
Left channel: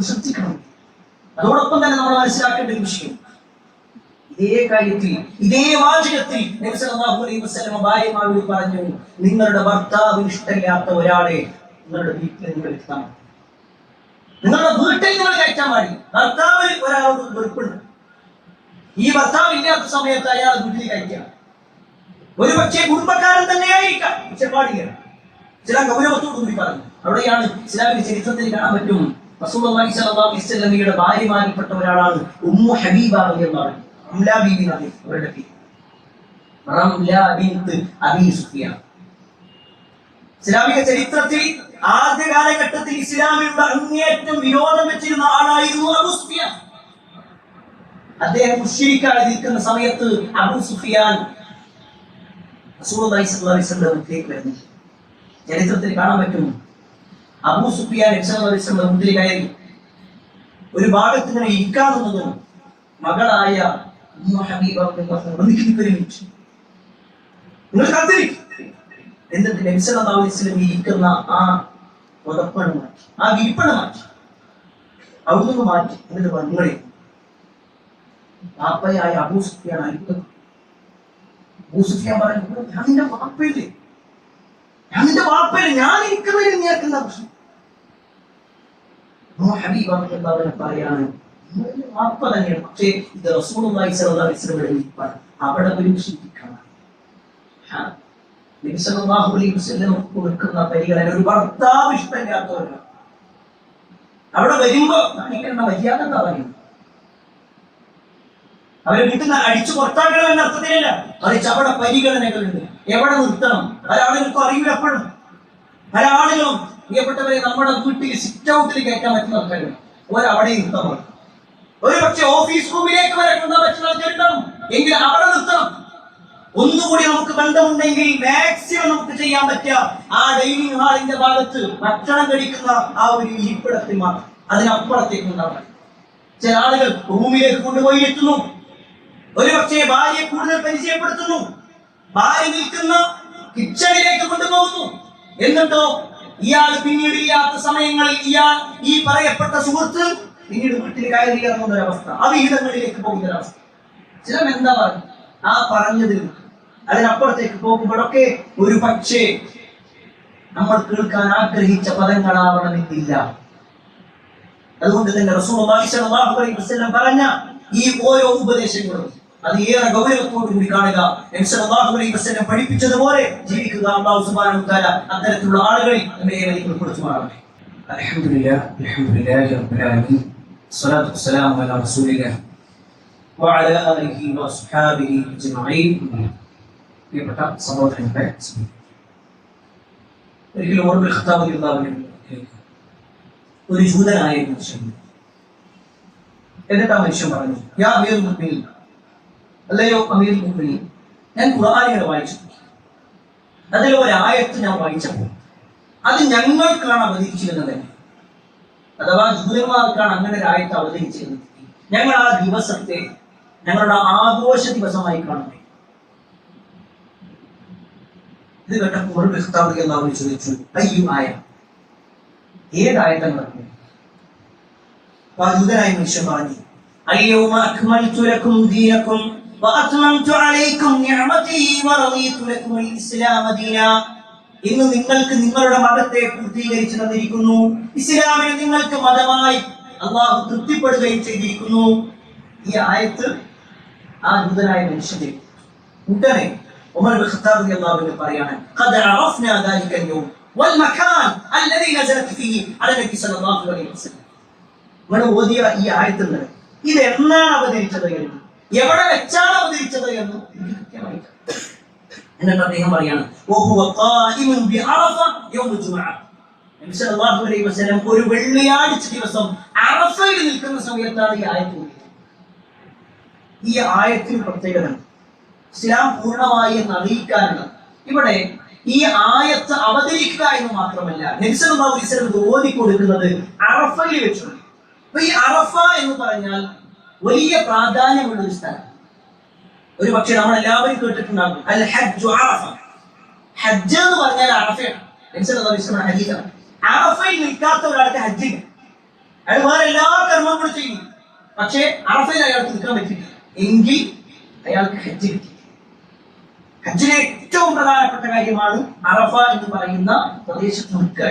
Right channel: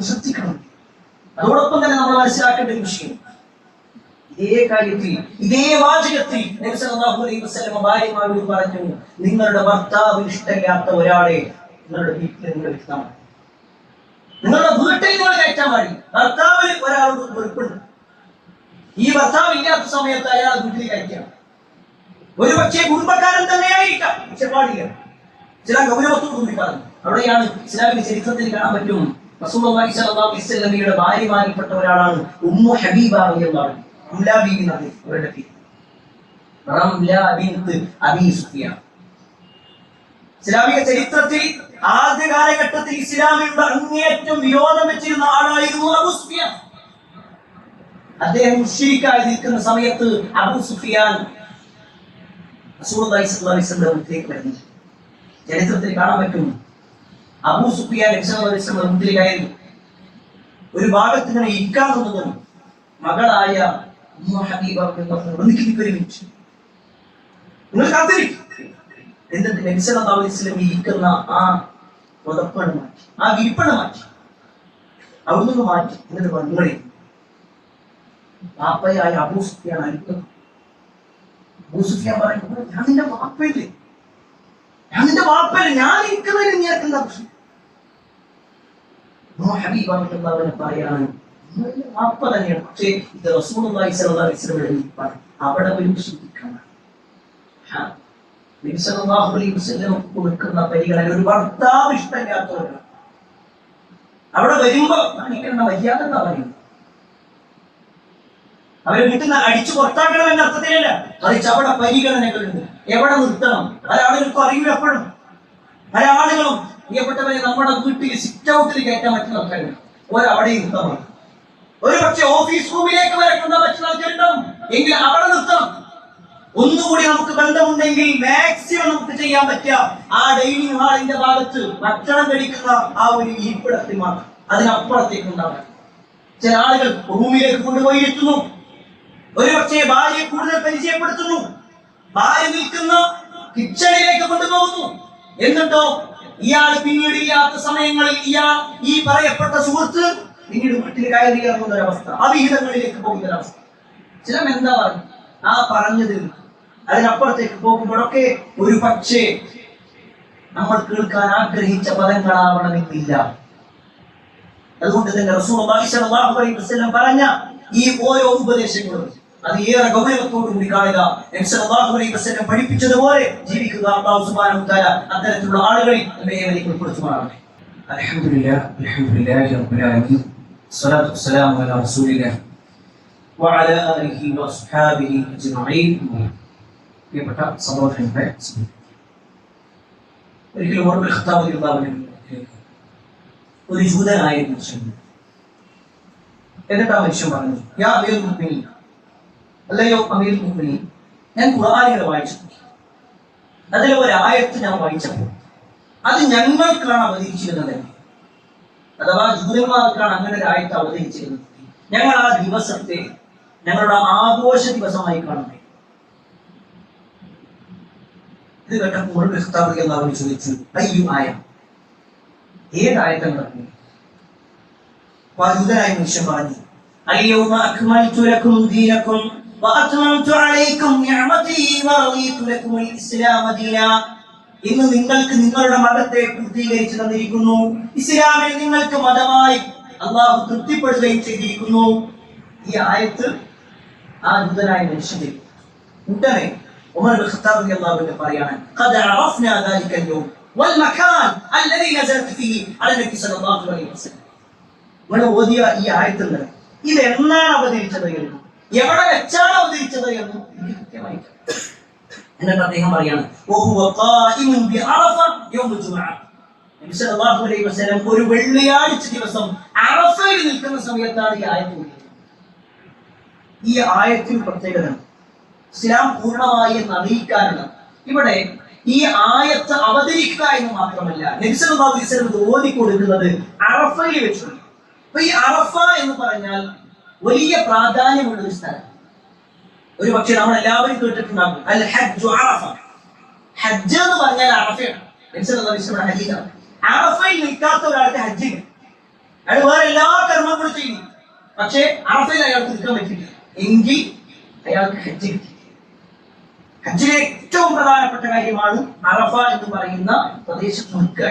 ശ്രദ്ധിക്കണം. അതോടൊപ്പം തന്നെ നമ്മൾ മനസ്സിലാക്കേണ്ട ഒരു വിഷയം, ഇതേ കാര്യത്തിൽ, ഇതേ വാചകത്തിൽ നബി സല്ലല്ലാഹു അലൈഹി വസല്ലം ഭാര്യമാരോട് പറഞ്ഞു, നിങ്ങളുടെ ഭർത്താവിന് ഇഷ്ടമില്ലാത്ത ഒരാളെ നിങ്ങളുടെ വീട്ടിൽ നിങ്ങൾ ഇരുത്താൻ പാടില്ല, നിങ്ങളുടെ വീട്ടിൽ നിങ്ങൾ കയറ്റാൻ പാടില്ല. ഭർത്താവിന് ഒരാളോട് വെറുപ്പുണ്ട്, ഈ ഭർത്താവ് ഇല്ലാത്ത സമയത്ത് അയാൾ വീട്ടിൽ കയറ്റാം. ഒരു പക്ഷേ കുടുംബക്കാരൻ തന്നെയായിരിക്കാം, പക്ഷെ പാടില്ല. ചില ഗൗരവത്തോടു കൂടി പറഞ്ഞു. അവിടെയാണ് ഇസ്ലാമിക ചരിത്രത്തിൽ കാണാൻ പറ്റും, റസൂലുള്ളാഹി സ്വല്ലല്ലാഹു അലൈഹി വസല്ലമയുടെ ഭാര്യമാരിൽപ്പെട്ട ഒരാളാണ് ഉമ്മു ഹബീബ റളിയല്ലാഹു അൻഹ. റംല ബീവി നബി അവരുടെ പേര് റംല ബിൻത് അബീ സുഫിയാൻ. ഇസ്ലാമിക ചരിത്രത്തിൽ ആദ്യ കാലഘട്ടത്തിൽ ഇസ്ലാമിലുള്ള അങ്ങേയറ്റം വിരോധം വെച്ചിരുന്ന ആളായിരുന്നു അബൂ സുഫിയാൻ. അദ്ദേഹം മുശ്രിക്കായി നിൽക്കുന്ന സമയത്ത് അബൂ സുഫിയാൻ റസൂലുള്ളാഹി സ്വല്ലല്ലാഹു അലൈഹി വസല്ലമയിലേക്ക് വരുന്നു. ചരിത്രത്തിൽ കാണാൻ പറ്റും, അബൂ സുഫിയാൻ നബി സല്ലല്ലാഹു അലൈഹി വസല്ലം മുന്നിൽ കയറി ഒരു ഭാഗത്ത് ഇങ്ങനെ ഇരിക്കാവുന്നതും മകളായ ഉമ്മു ഹബീബ നിങ്ങൾ കാത്തിരിക്കും. എന്നിട്ട് നബി സല്ലല്ലാഹു അലൈഹി വസല്ലം ഇരിക്കുന്ന ആ പുതപ്പണ് മാറ്റി, ആ വിരിപ്പണ് മാറ്റി, അവിടുന്ന് മാറ്റി. എന്നിട്ട് നിങ്ങളെ പാപ്പയായ അബൂ സുഫിയാൻ അരിക്കുന്നു. അബൂ സുഫിയാൻ പറയുന്നു, ഞാൻ നിന്റെ പാപ്പയില്ലേ, ഞാൻ നിന്റെ വാപ്പയില്ല, ഞാൻ ഇരിക്കുന്നതിന് നീ ആക്കുന്ന പ്രശ്നം. പറയാണ് വാപ്പ തന്നെയാണ്, പക്ഷേ ഇത് റസൂലുള്ളാഹി സ്വല്ലല്ലാഹു അലൈഹി വസല്ലം അവിടെ പരീക്ഷിക്കണം. നബി സല്ലല്ലാഹു അലൈഹി വസല്ലം കൊടുക്കുന്ന പരിഗണന ഒരു ഭർത്താവ് ഇഷ്ടമില്ലാത്തവരാണ്. അവിടെ വരുമ്പോ കാണിക്കേണ്ട മര്യാദ എന്താ പറയുന്നത്? അവരെ വീട്ടിൽ നിന്ന് അടിച്ചു പുറത്താക്കണം എന്ന അർത്ഥത്തിലല്ല, മറിച്ച് അവിടെ പരിഗണനകളുണ്ട്. എവിടെ നിർത്തണം പല ആളുകൾക്കും അറിയില്ല. എപ്പോഴും പല ആളുകളും പ്രിയപ്പെട്ടവരെ നമ്മുടെ വീട്ടിൽ സിറ്റ് ഔട്ടിൽ കയറ്റാൻ പറ്റുന്ന ആൾക്കാരുണ്ട്, ഒരവിടെ നിർത്തണം. ഒരു പക്ഷെ ഓഫീസ് റൂമിലേക്ക് വരെ കൊണ്ടാൻ പറ്റുന്ന ആൾക്കാരുണ്ടാവും, എങ്കിൽ അവിടെ നിർത്തണം. ഒന്നുകൂടി നമുക്ക് ബന്ധമുണ്ടെങ്കിൽ മാക്സിമം നമുക്ക് ചെയ്യാൻ പറ്റുക ആ ഡൈനിങ് ഹാളിന്റെ ഭാഗത്ത് ഭക്ഷണം കഴിക്കുന്ന ആ ഒരു ഇരിപ്പിടത്തിൽ മാത്രം, അതിനപ്പുറത്തേക്ക് ഉണ്ടാവാൻ. ചില ആളുകൾ റൂമിലേക്ക് കൊണ്ടുപോയി എത്തുന്നു, ഒരുപക്ഷെ ഭാര്യയെ കൂടുതൽ പരിചയപ്പെടുത്തുന്നു, ഭാര്യ നിൽക്കുന്ന കിച്ചണിലേക്ക് കൊണ്ടുപോകുന്നു. എന്നിട്ടോ ഇയാൾ പിന്നീട് ഇല്ലാത്ത സമയങ്ങളിൽ ഈ പറയപ്പെട്ട സുഹൃത്ത് പിന്നീട് വീട്ടിൽ കയറി ഇറങ്ങുന്ന ഒരവസ്ഥ, അവിഹിതങ്ങളിലേക്ക് പോകുന്ന ഒരവസ്ഥ. ചില എന്താ പറഞ്ഞു ആ പറഞ്ഞതിൽ അതിനപ്പുറത്തേക്ക് പോകുമ്പോഴൊക്കെ ഒരു പക്ഷേ നമ്മൾ കേൾക്കാൻ ആഗ്രഹിച്ച പദങ്ങളാവണമെന്നില്ല. അതുകൊണ്ട് തന്നെ റസൂലുള്ളാഹി സ്വല്ലല്ലാഹു അലൈഹി വസല്ലം പറഞ്ഞ ഈ ഓരോ ഉപദേശങ്ങളും അത് ഏറെ ഗൗരവത്തോടു കൂടി കാണുക, നബി സല്ലല്ലാഹു അലൈഹി വസല്ലം പഠിപ്പിച്ചതുപോലെ ജീവിക്കുക. അല്ലാഹു സുബ്ഹാനഹു വ തആല അത്തരത്തിലുള്ള ആളുകളിൽ നമ്മെ ഏവരെയും ഉൾപ്പെടുത്തുമാറാകട്ടെ. അൽഹംദുലില്ലാഹി റബ്ബിൽ ആലമീൻ, സ്വലാത്തു വസ്സലാമു അലാ റസൂലില്ലാഹി വഅലാ ആലിഹി വസ്ഹാബിഹി അജ്മഈൻ. പ്രിയപ്പെട്ട സഹോദരങ്ങളെ, ഒരിക്കലും ഉമർ ഇബ്നുൽ ഖത്താബ് റളിയല്ലാഹു അൻഹു ഒരു ജൂതനായ മനുഷ്യൻ, എന്നിട്ട് ആ മനുഷ്യൻ പറഞ്ഞു, യാ അമീറുൽ മുഅ്മിനീൻ, അല്ലയോ അമീറുൽ മുഅ്മിനീൻ, ഞാൻ ഖുർആനിൽ വായിച്ചു, അതിലെ ഒരു ആയത്ത് ഞാൻ വായിച്ചപ്പോൾ അത് ഞങ്ങൾക്കാണ് അവതരിച്ചിരുന്നത്, അഥവാ ജൂതന്മാർക്കാണ് അങ്ങനെ ഒരു ആയത്ത് അവതരിച്ചിരുന്നത്. ഞങ്ങൾ ആ ദിവസത്തെ ഞങ്ങളുടെ ആഘോഷ ദിവസമായി കാണുന്നത്. ഇത് കേട്ടപ്പോൾ ഉമർ ഇബ്നുൽ ഖത്താബ് റളിയല്ലാഹു അൻഹു ചോദിച്ചു, അയ്യോ ആയ, ഏതായത്താണ് പറഞ്ഞത്? ജൂതനായ മനുഷ്യൻ പറഞ്ഞു, അൽയൗമ അക്മൽതു ലക്കും ദീനക്കും വഅത്മംതു അലൈക്കും നിഅമതി വറദീതു ലക്കുമുൽ ഇസ്ലാമ ദീനാ. ഇന്ന് നിങ്ങൾക്ക് നിങ്ങളുടെ മതത്തെ പൂർത്തീകരിച്ചു തന്നിരിക്കുന്നു, ഇസ്ലാമിനെ നിങ്ങൾക്ക് മതമായി അല്ലാഹു തൃപ്തിപ്പെടുകയും ചെയ്തിരിക്കുന്നു. ഈ ആയത്ത് ആ ജൂതനായ മനുഷ്യന്റെ ഉടനെ ഉമർ ഇബ്നുൽ ഖത്താബ് റളിയല്ലാഹു അൻഹു പറയാണ്, ഖദ് അറഫ്നാ ദാലിക അൽയൗം വൽ മകാൻ അല്ലദീ നസലത് ഫീഹി അലാ നബി സല്ലല്ലാഹു അലൈഹി വസല്ലം. ഇവിടെ ഓതിയ ഈ ആയത്തുകൾ ഇത് എന്നാണ് അവതരിച്ചത് എന്ന്, എവിടെ വെച്ചാണ് അവതരിച്ചത് എന്ന് എനിക്ക് കൃത്യമായി. എന്നിട്ട് അദ്ദേഹം പറയാണ്, നബി സല്ലല്ലാഹു അലൈഹി വസല്ലം ഒരു വെള്ളിയാഴ്ച ദിവസം അറഫയിൽ നിൽക്കുന്ന സമയത്താണ് ഈ ആയത്ത്. ഈ ആയത്തിന് പ്രത്യേകത ഇസ്ലാം പൂർണ്ണമായി എന്ന് അറിയിക്കാനാണ്. ഇവിടെ ഈ ആയത്ത് അവതരിക്കുക എന്ന് മാത്രമല്ല, നബി സല്ലല്ലാഹു അലൈഹി വസല്ലം ഓതി കൊടുക്കുന്നത് അറഫയിൽ വെച്ചാണ്. അപ്പൊ ഈ അറഫ എന്ന് പറഞ്ഞാൽ വലിയ പ്രാധാന്യമുള്ള ഒരു സ്ഥലം. ഒരു പക്ഷെ നമ്മൾ എല്ലാവരും കേട്ടിട്ടുണ്ടാകും അൽ ഹജ്ജു അറഫ. ഹജ്ജ് എന്ന് പറഞ്ഞാൽ അറഫയാണ്. ഹദീസാണ്. അറഫയിൽ നിൽക്കാത്ത ഒരാൾക്ക് ഹജ്ജില്ല. അയാൾ വേറെ എല്ലാ കർമ്മങ്ങളും ചെയ്യുന്നു, പക്ഷേ അറഫയിൽ അയാൾക്ക് നിൽക്കാൻ പറ്റില്ല. എങ്കിൽ അയാൾക്ക് ഹജ്ജ് കിട്ടി. ഹജ്ജിലെ ഏറ്റവും പ്രധാനപ്പെട്ട കാര്യമാണ് അറഫ എന്ന് പറയുന്ന പ്രദേശത്ത് നിൽക്കുക.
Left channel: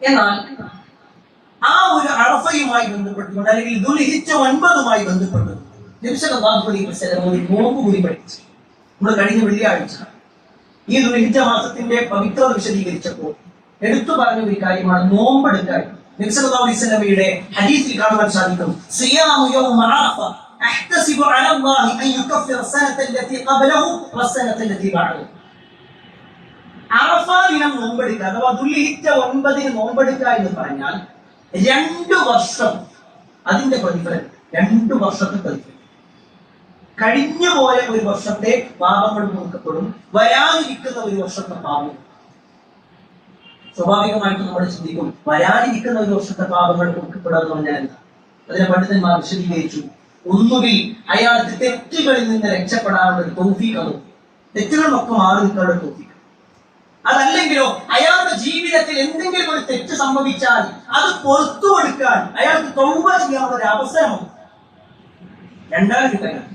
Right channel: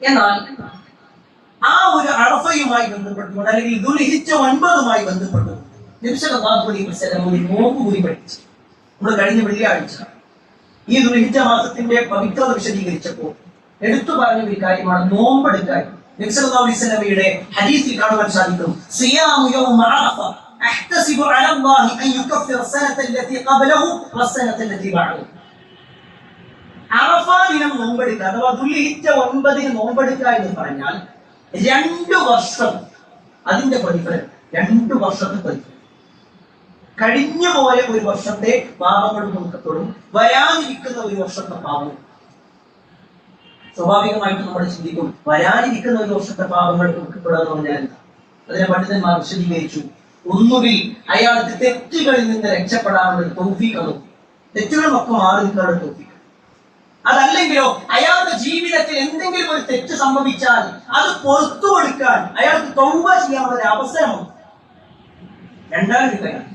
എന്നാൽ ആ ഒരു അറഫയുമായി ബന്ധപ്പെട്ടുകൊണ്ട് അല്ലെങ്കിൽ ദുൽഹിജ്ജ 9 ബന്ധപ്പെട്ട് നബി സല്ലല്ലാഹു അലൈഹി വസല്ലം ഒരു നോമ്പ് കൂടി പഠിച്ചു. നമ്മൾ കഴിഞ്ഞ വെള്ളിയാഴ്ച ഈ ദുൽഹിജ്ജ മാസത്തിന്റെ പവിത്രത വിശദീകരിച്ചപ്പോൾ എടുത്തു പറഞ്ഞ ഒരു കാര്യമാണ് നോമ്പെടുക്കാൻ. നബി സല്ലല്ലാഹു അലൈഹി വസല്ലമയുടെ ഹദീസിൽ കാണുവാൻ സാധിക്കും, സിയാമു യൗമ അറഫ അഹ്തസിബു അലല്ലാഹി അൻ യുകഫിറ സനത അല്ലതി ഖബലഹു വസ്സനത അല്ലതി ബഅദഹു. അറഫ ദിനം നോമ്പെടുക്കുക അഥവാ ദുൽഹിജ്ജ 9 നോമ്പെടുക്കുക എന്ന് പറഞ്ഞാൽ 2 വർഷം അതിന്റെ പ്രതിഫലം, 2 വർഷത്തെ പ്രതിഫലം. കഴിഞ്ഞു പോയ ഒരു വർഷത്തെ പാപങ്ങൾ നോക്കപ്പെടും, വരാനിരിക്കുന്ന ഒരു വർഷത്തെ പാപം. സ്വാഭാവികമായിട്ട് നമ്മൾ ചിന്തിക്കും, വരാനിരിക്കുന്ന ഒരു വർഷത്തെ പാപങ്ങൾ നോക്കപ്പെടുക എന്ന് പറഞ്ഞാൽ എന്താ? അതിനെ പണ്ഡിതന്മാർ വിശദീകരിച്ചു. ഒന്നുകിൽ അയാൾക്ക് തെറ്റുകളിൽ നിന്ന് രക്ഷപ്പെടാനുള്ള ഒരു തൗഫീഖ്, തെറ്റുകളൊക്കെ മാറി നിൽക്കാനുള്ള തൗഫീഖ്. അതല്ലെങ്കിലോ അയാളുടെ ജീവിതത്തിൽ എന്തെങ്കിലും ഒരു തെറ്റ് സംഭവിച്ചാൽ അത് പുറത്തു കൊടുക്കാൻ അയാൾക്ക് തൗബ ചെയ്യാനുള്ള ഒരു അവസരമുണ്ട്. രണ്ടാമതൊരു കാര്യം,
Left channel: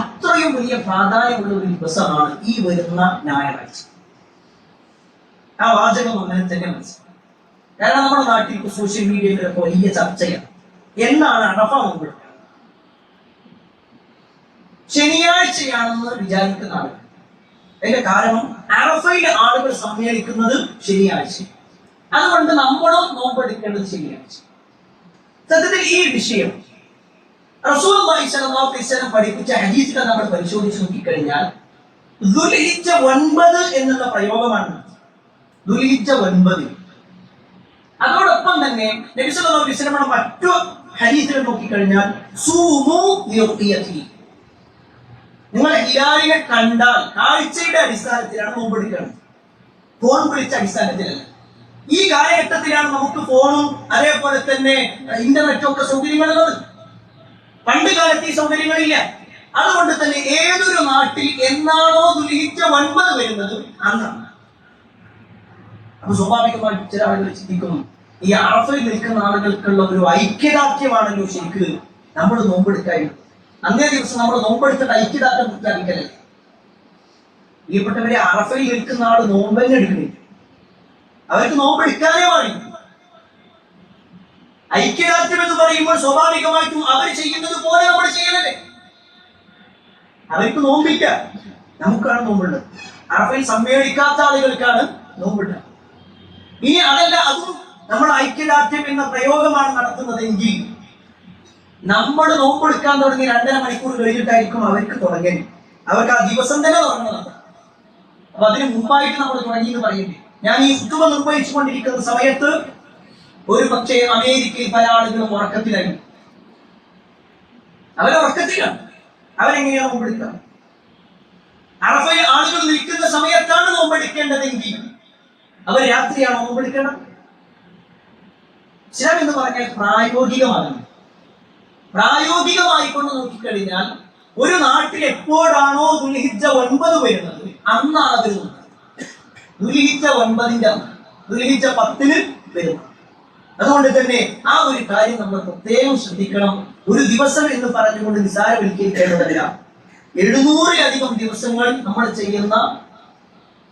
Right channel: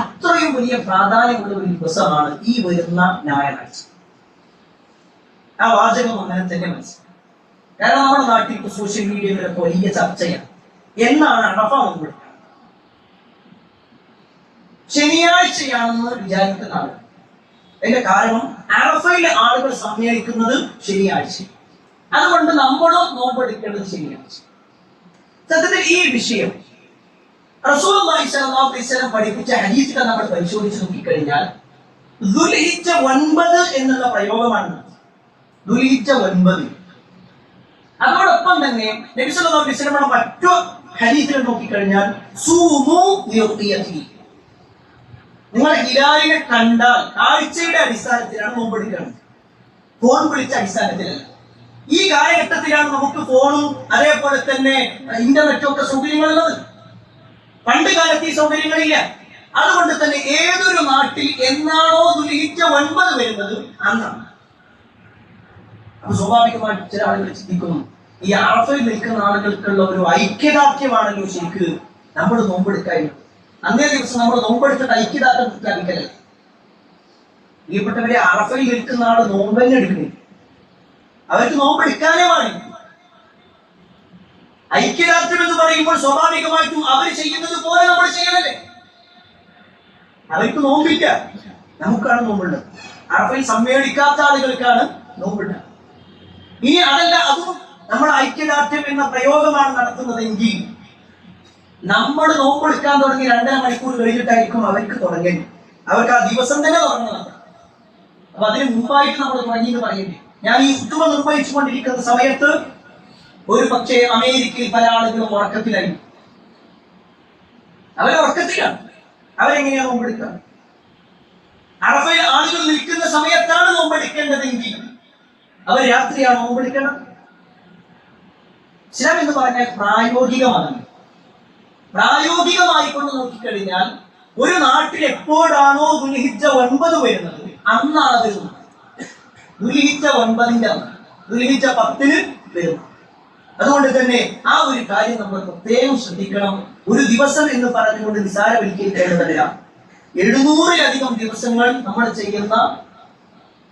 അത്രയും വലിയ പ്രാധാന്യമുള്ള ഒരു ദിവസമാണ് ഈ വരുന്ന ഞായറാഴ്ച. ആ വാചകം അങ്ങനെ തന്നെ മനസ്സിലാക്കും. കാരണം നമ്മുടെ നാട്ടിൽ സോഷ്യൽ മീഡിയയിലൊക്കെ വലിയ ചർച്ചയാണ്, എന്നാണ് അറഫ നോമ്പെടുക്കുക. ശനിയാഴ്ചയാണെന്ന് വിചാരിക്കുന്ന ആളുകൾ. അതിന്റെ കാരണം അറഫയിൽ ആളുകൾ സമ്മേളിക്കുന്നത് ശനിയാഴ്ച, അതുകൊണ്ട് നമ്മളും നോമ്പെടുക്കേണ്ടത് ശനിയാഴ്ച. സത്യത്തിൽ ഈ വിഷയം റസൂലുള്ളാഹി സ്വല്ലല്ലാഹു അലൈഹി വസല്ലം പഠിപ്പിച്ച ഹദീസുകൾ നമ്മൾ പരിശോധിച്ച് നോക്കിക്കഴിഞ്ഞാൽ ദുൽഹിജ്ജ 9 എന്നുള്ള പ്രയോഗമാണ്. ദുൽഹിജ്ജ 9. അതോടൊപ്പം തന്നെ നബി സല്ലല്ലാഹു അലൈഹി വസല്ലം മറ്റു ഹദീസുകൾ നോക്കിക്കഴിഞ്ഞാൽ സൂമു ലിറുഖിയതി, നിങ്ങൾ ഹിലാലിനെ കണ്ടാൽ കാഴ്ചയുടെ അടിസ്ഥാനത്തിലാണ് നോമ്പെടുക്കുന്നത്, ഫോൺ വിളിച്ച അടിസ്ഥാനത്തിലല്ല. ഈ കാലഘട്ടത്തിലാണ് നമുക്ക് ഫോണും അതേപോലെ തന്നെ ഇന്റർനെറ്റും ഒക്കെ സൗകര്യങ്ങളുള്ളത്. പണ്ട് കാലത്ത് ഈ സൗകര്യങ്ങളില്ല. അതുകൊണ്ട് തന്നെ ഏതൊരു നാട്ടിൽ എന്നാണോ ദുൽഹിജ്ജ 9 വരുന്നത് അന്നാണ്. അപ്പൊ സ്വാഭാവികമായിട്ട് ചില ആളുകൾ ചിന്തിക്കുന്നു, ഈ അറഫയിൽ നിൽക്കുന്ന ആളുകൾക്കുള്ള ഒരു ഐക്യദാർഢ്യമാണല്ലോ ശരിക്ക് നമ്മൾ നോമ്പെടുക്കാനുള്ളത്. അന്നേ ദിവസം നമ്മൾ നോമ്പെടുത്തിട്ട് ഐക്യദാർഢ്യം പ്രഖ്യാപിക്കലല്ലേ. പ്രിയപ്പെട്ടവരെ, അറഫയിൽ നിൽക്കുന്ന ആള് നോമ്പന്നെ എടുക്കുന്നില്ല, അവർക്ക് നോമ്പെടുക്കാനേ പാടില്ല. ഐക്യദാർഢ്യം എന്ന് പറയുമ്പോൾ സ്വാഭാവികമായിട്ടും അവർ ചെയ്യുന്നത് പോലെ നമ്മൾ ചെയ്യണല്ലേ. അവർക്ക് നോമ്പില്ല, നമുക്കാണ് നോമ്പുള്ളത്. അറഫയിൽ സമ്മേളിക്കാത്ത ആളുകൾക്കാണ് നോമ്പുള്ളത്. ഇനി അതല്ല, അതും നമ്മൾ ഐക്യദാർഢ്യം എന്ന പ്രയോഗമാണ് നടത്തുന്നതെങ്കിൽ നമ്മൾ നോമ്പെടുക്കാൻ തുടങ്ങി 2.5 മണിക്കൂർ കഴിഞ്ഞിട്ടായിരിക്കും അവർക്ക് തുടങ്ങേണ്ടി. അവർക്ക് ആ ദിവസം തന്നെ തുടങ്ങണം. അപ്പൊ അതിന് മുമ്പായിട്ട് നമ്മൾ തുടങ്ങി എന്ന് പറയേണ്ടി. ഞാൻ ഈ ഫുത്ബ നിർവഹിച്ചു കൊണ്ടിരിക്കുന്ന സമയത്ത് ഒരു പക്ഷേ അമേരിക്കയിൽ പല ആളുകളും ഉറക്കത്തിലായി. അവരെ ഉറക്കത്തിലാണ്. അവരെങ്ങനെയാണ് നോമ്പെടുക്കുക? അറഫയിൽ ആളുകൾ നിൽക്കുന്ന സമയത്താണ് നോമ്പെടുക്കേണ്ടതെങ്കിൽ അവർ രാത്രിയാണ് നോമ്പെടുക്കേണ്ടത്. ഇസ്ലാം എന്ന് പറഞ്ഞാൽ പ്രായോഗികമാണ്. പ്രായോഗികമായി കൊണ്ട് നോക്കിക്കഴിഞ്ഞാൽ ഒരു നാട്ടിൽ എപ്പോഴാണോ ദുൽഹിജ്ജ 9 വരുന്നത് അന്നാണ് അത് വരുന്നത്. ദുൽഹിജ്ജ 9ന്റെ അന്ന്, ദുൽഹിജ്ജ 10 വരുന്നത്. അതുകൊണ്ട് തന്നെ ആ ഒരു കാര്യം നമ്മൾ പ്രത്യേകം ശ്രദ്ധിക്കണം. ഒരു ദിവസം എന്ന് പറഞ്ഞുകൊണ്ട് നിസാരവൽക്കരിക്കേണ്ടതല്ല. 700-ലധികം ദിവസങ്ങൾ നമ്മൾ ചെയ്യുന്ന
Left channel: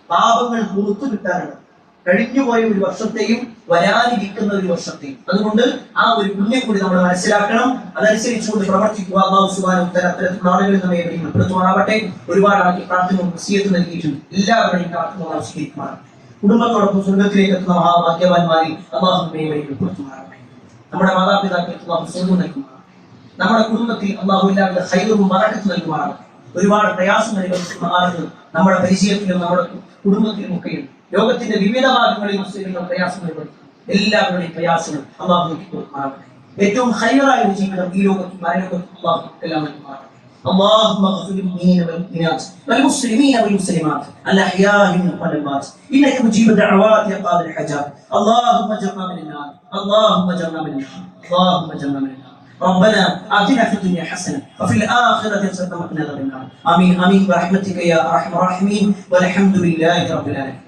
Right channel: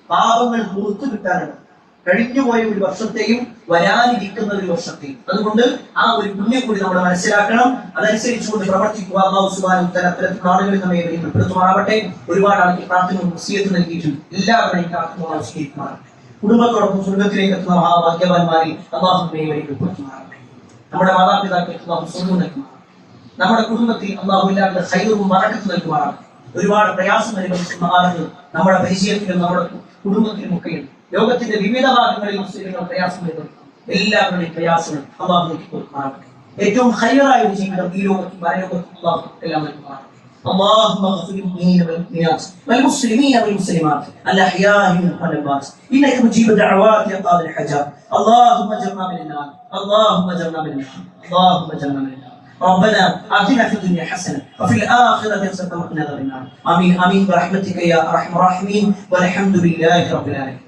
പാപങ്ങൾ പുറത്തു കിട്ടാനുണ്ട്. കഴിഞ്ഞുപോയ ഒരു വർഷത്തെയും വരാനിരിക്കുന്ന ഒരു വർഷത്തെയും. അതുകൊണ്ട് ആ ഒരു പുണ്യം കൂടി നമ്മൾ മനസ്സിലാക്കണം. അതനുസരിച്ചുകൊണ്ട് പ്രവർത്തിക്കുക. അല്ലാഹു സുബ്ഹാനഹു വ തആല അത്തരത്തിലുള്ള ആളുകളിൽ നമ്മെ ഉൾപ്പെടുത്തുമാറാവട്ടെ. ഒരുപാട് ആളുകൾ പ്രാർത്ഥനയും വസിയത്ത് നൽകിയിട്ടുണ്ട്. എല്ലാവരുടെയും പ്രാർത്ഥന സ്വീകരിക്കുമാറാവട്ടെ. കുടുംബത്തോടൊപ്പം സ്വർഗത്തിലേക്ക് എത്തുന്ന മഹാഭാഗ്യവാന്മാരിൽ അല്ലാഹു നമ്മെ ഉൾപ്പെടുത്തുമാറാവട്ടെ. നമ്മുടെ മാതാപിതാക്കൾക്ക് അല്ലാഹു സ്വർഗ്ഗം നൽകുമാറാവട്ടെ. നമ്മുടെ കുടുംബത്തിൽ അല്ലാഹു എല്ലാവരുടെ ഖൈറും ബറക്കത്തും നൽകുമാറാവട്ടെ. ഒരുപാട് പ്രയാസം അനുഭവിക്കുന്ന ആളുകൾ നമ്മുടെ പരിചയത്തിലും നമ്മുടെ കുടുംബത്തിലും ഒക്കെയുണ്ട്. ലോകത്തിന്റെ വിവിധ ഭാഗങ്ങളിൽ മുസ്ലിങ്ങൾ പ്രയാസം അനുഭവിക്കും. എല്ലാവരുടെയും പ്രയാസങ്ങൾ അല്ലാഹു നീക്കി കൊടുക്കുമാറാവട്ടെ. ഏറ്റവും ഖൈറായ ഒരു ജീവിതം ഈ ലോകത്തും പരലോകത്തും അല്ലാഹു എല്ലാം നൽകുമാറാവട്ടെ. اللهم اغفر للمؤمنين والمؤمنات والمسلمين والمسلمات الأحياء منهم والأموات إنك مجيب الدعوات يا قاضي الحاجات. اللهم اجرنا من النار، اللهم اجرنا من النار، اللهم اجرنا من النار. ربنا آتنا في الدنيا حسنة وفي الآخرة حسنة وقنا عذاب النار. آمين آمين برحمتك يا أرحم الراحمين والحمد لله رب العالمين.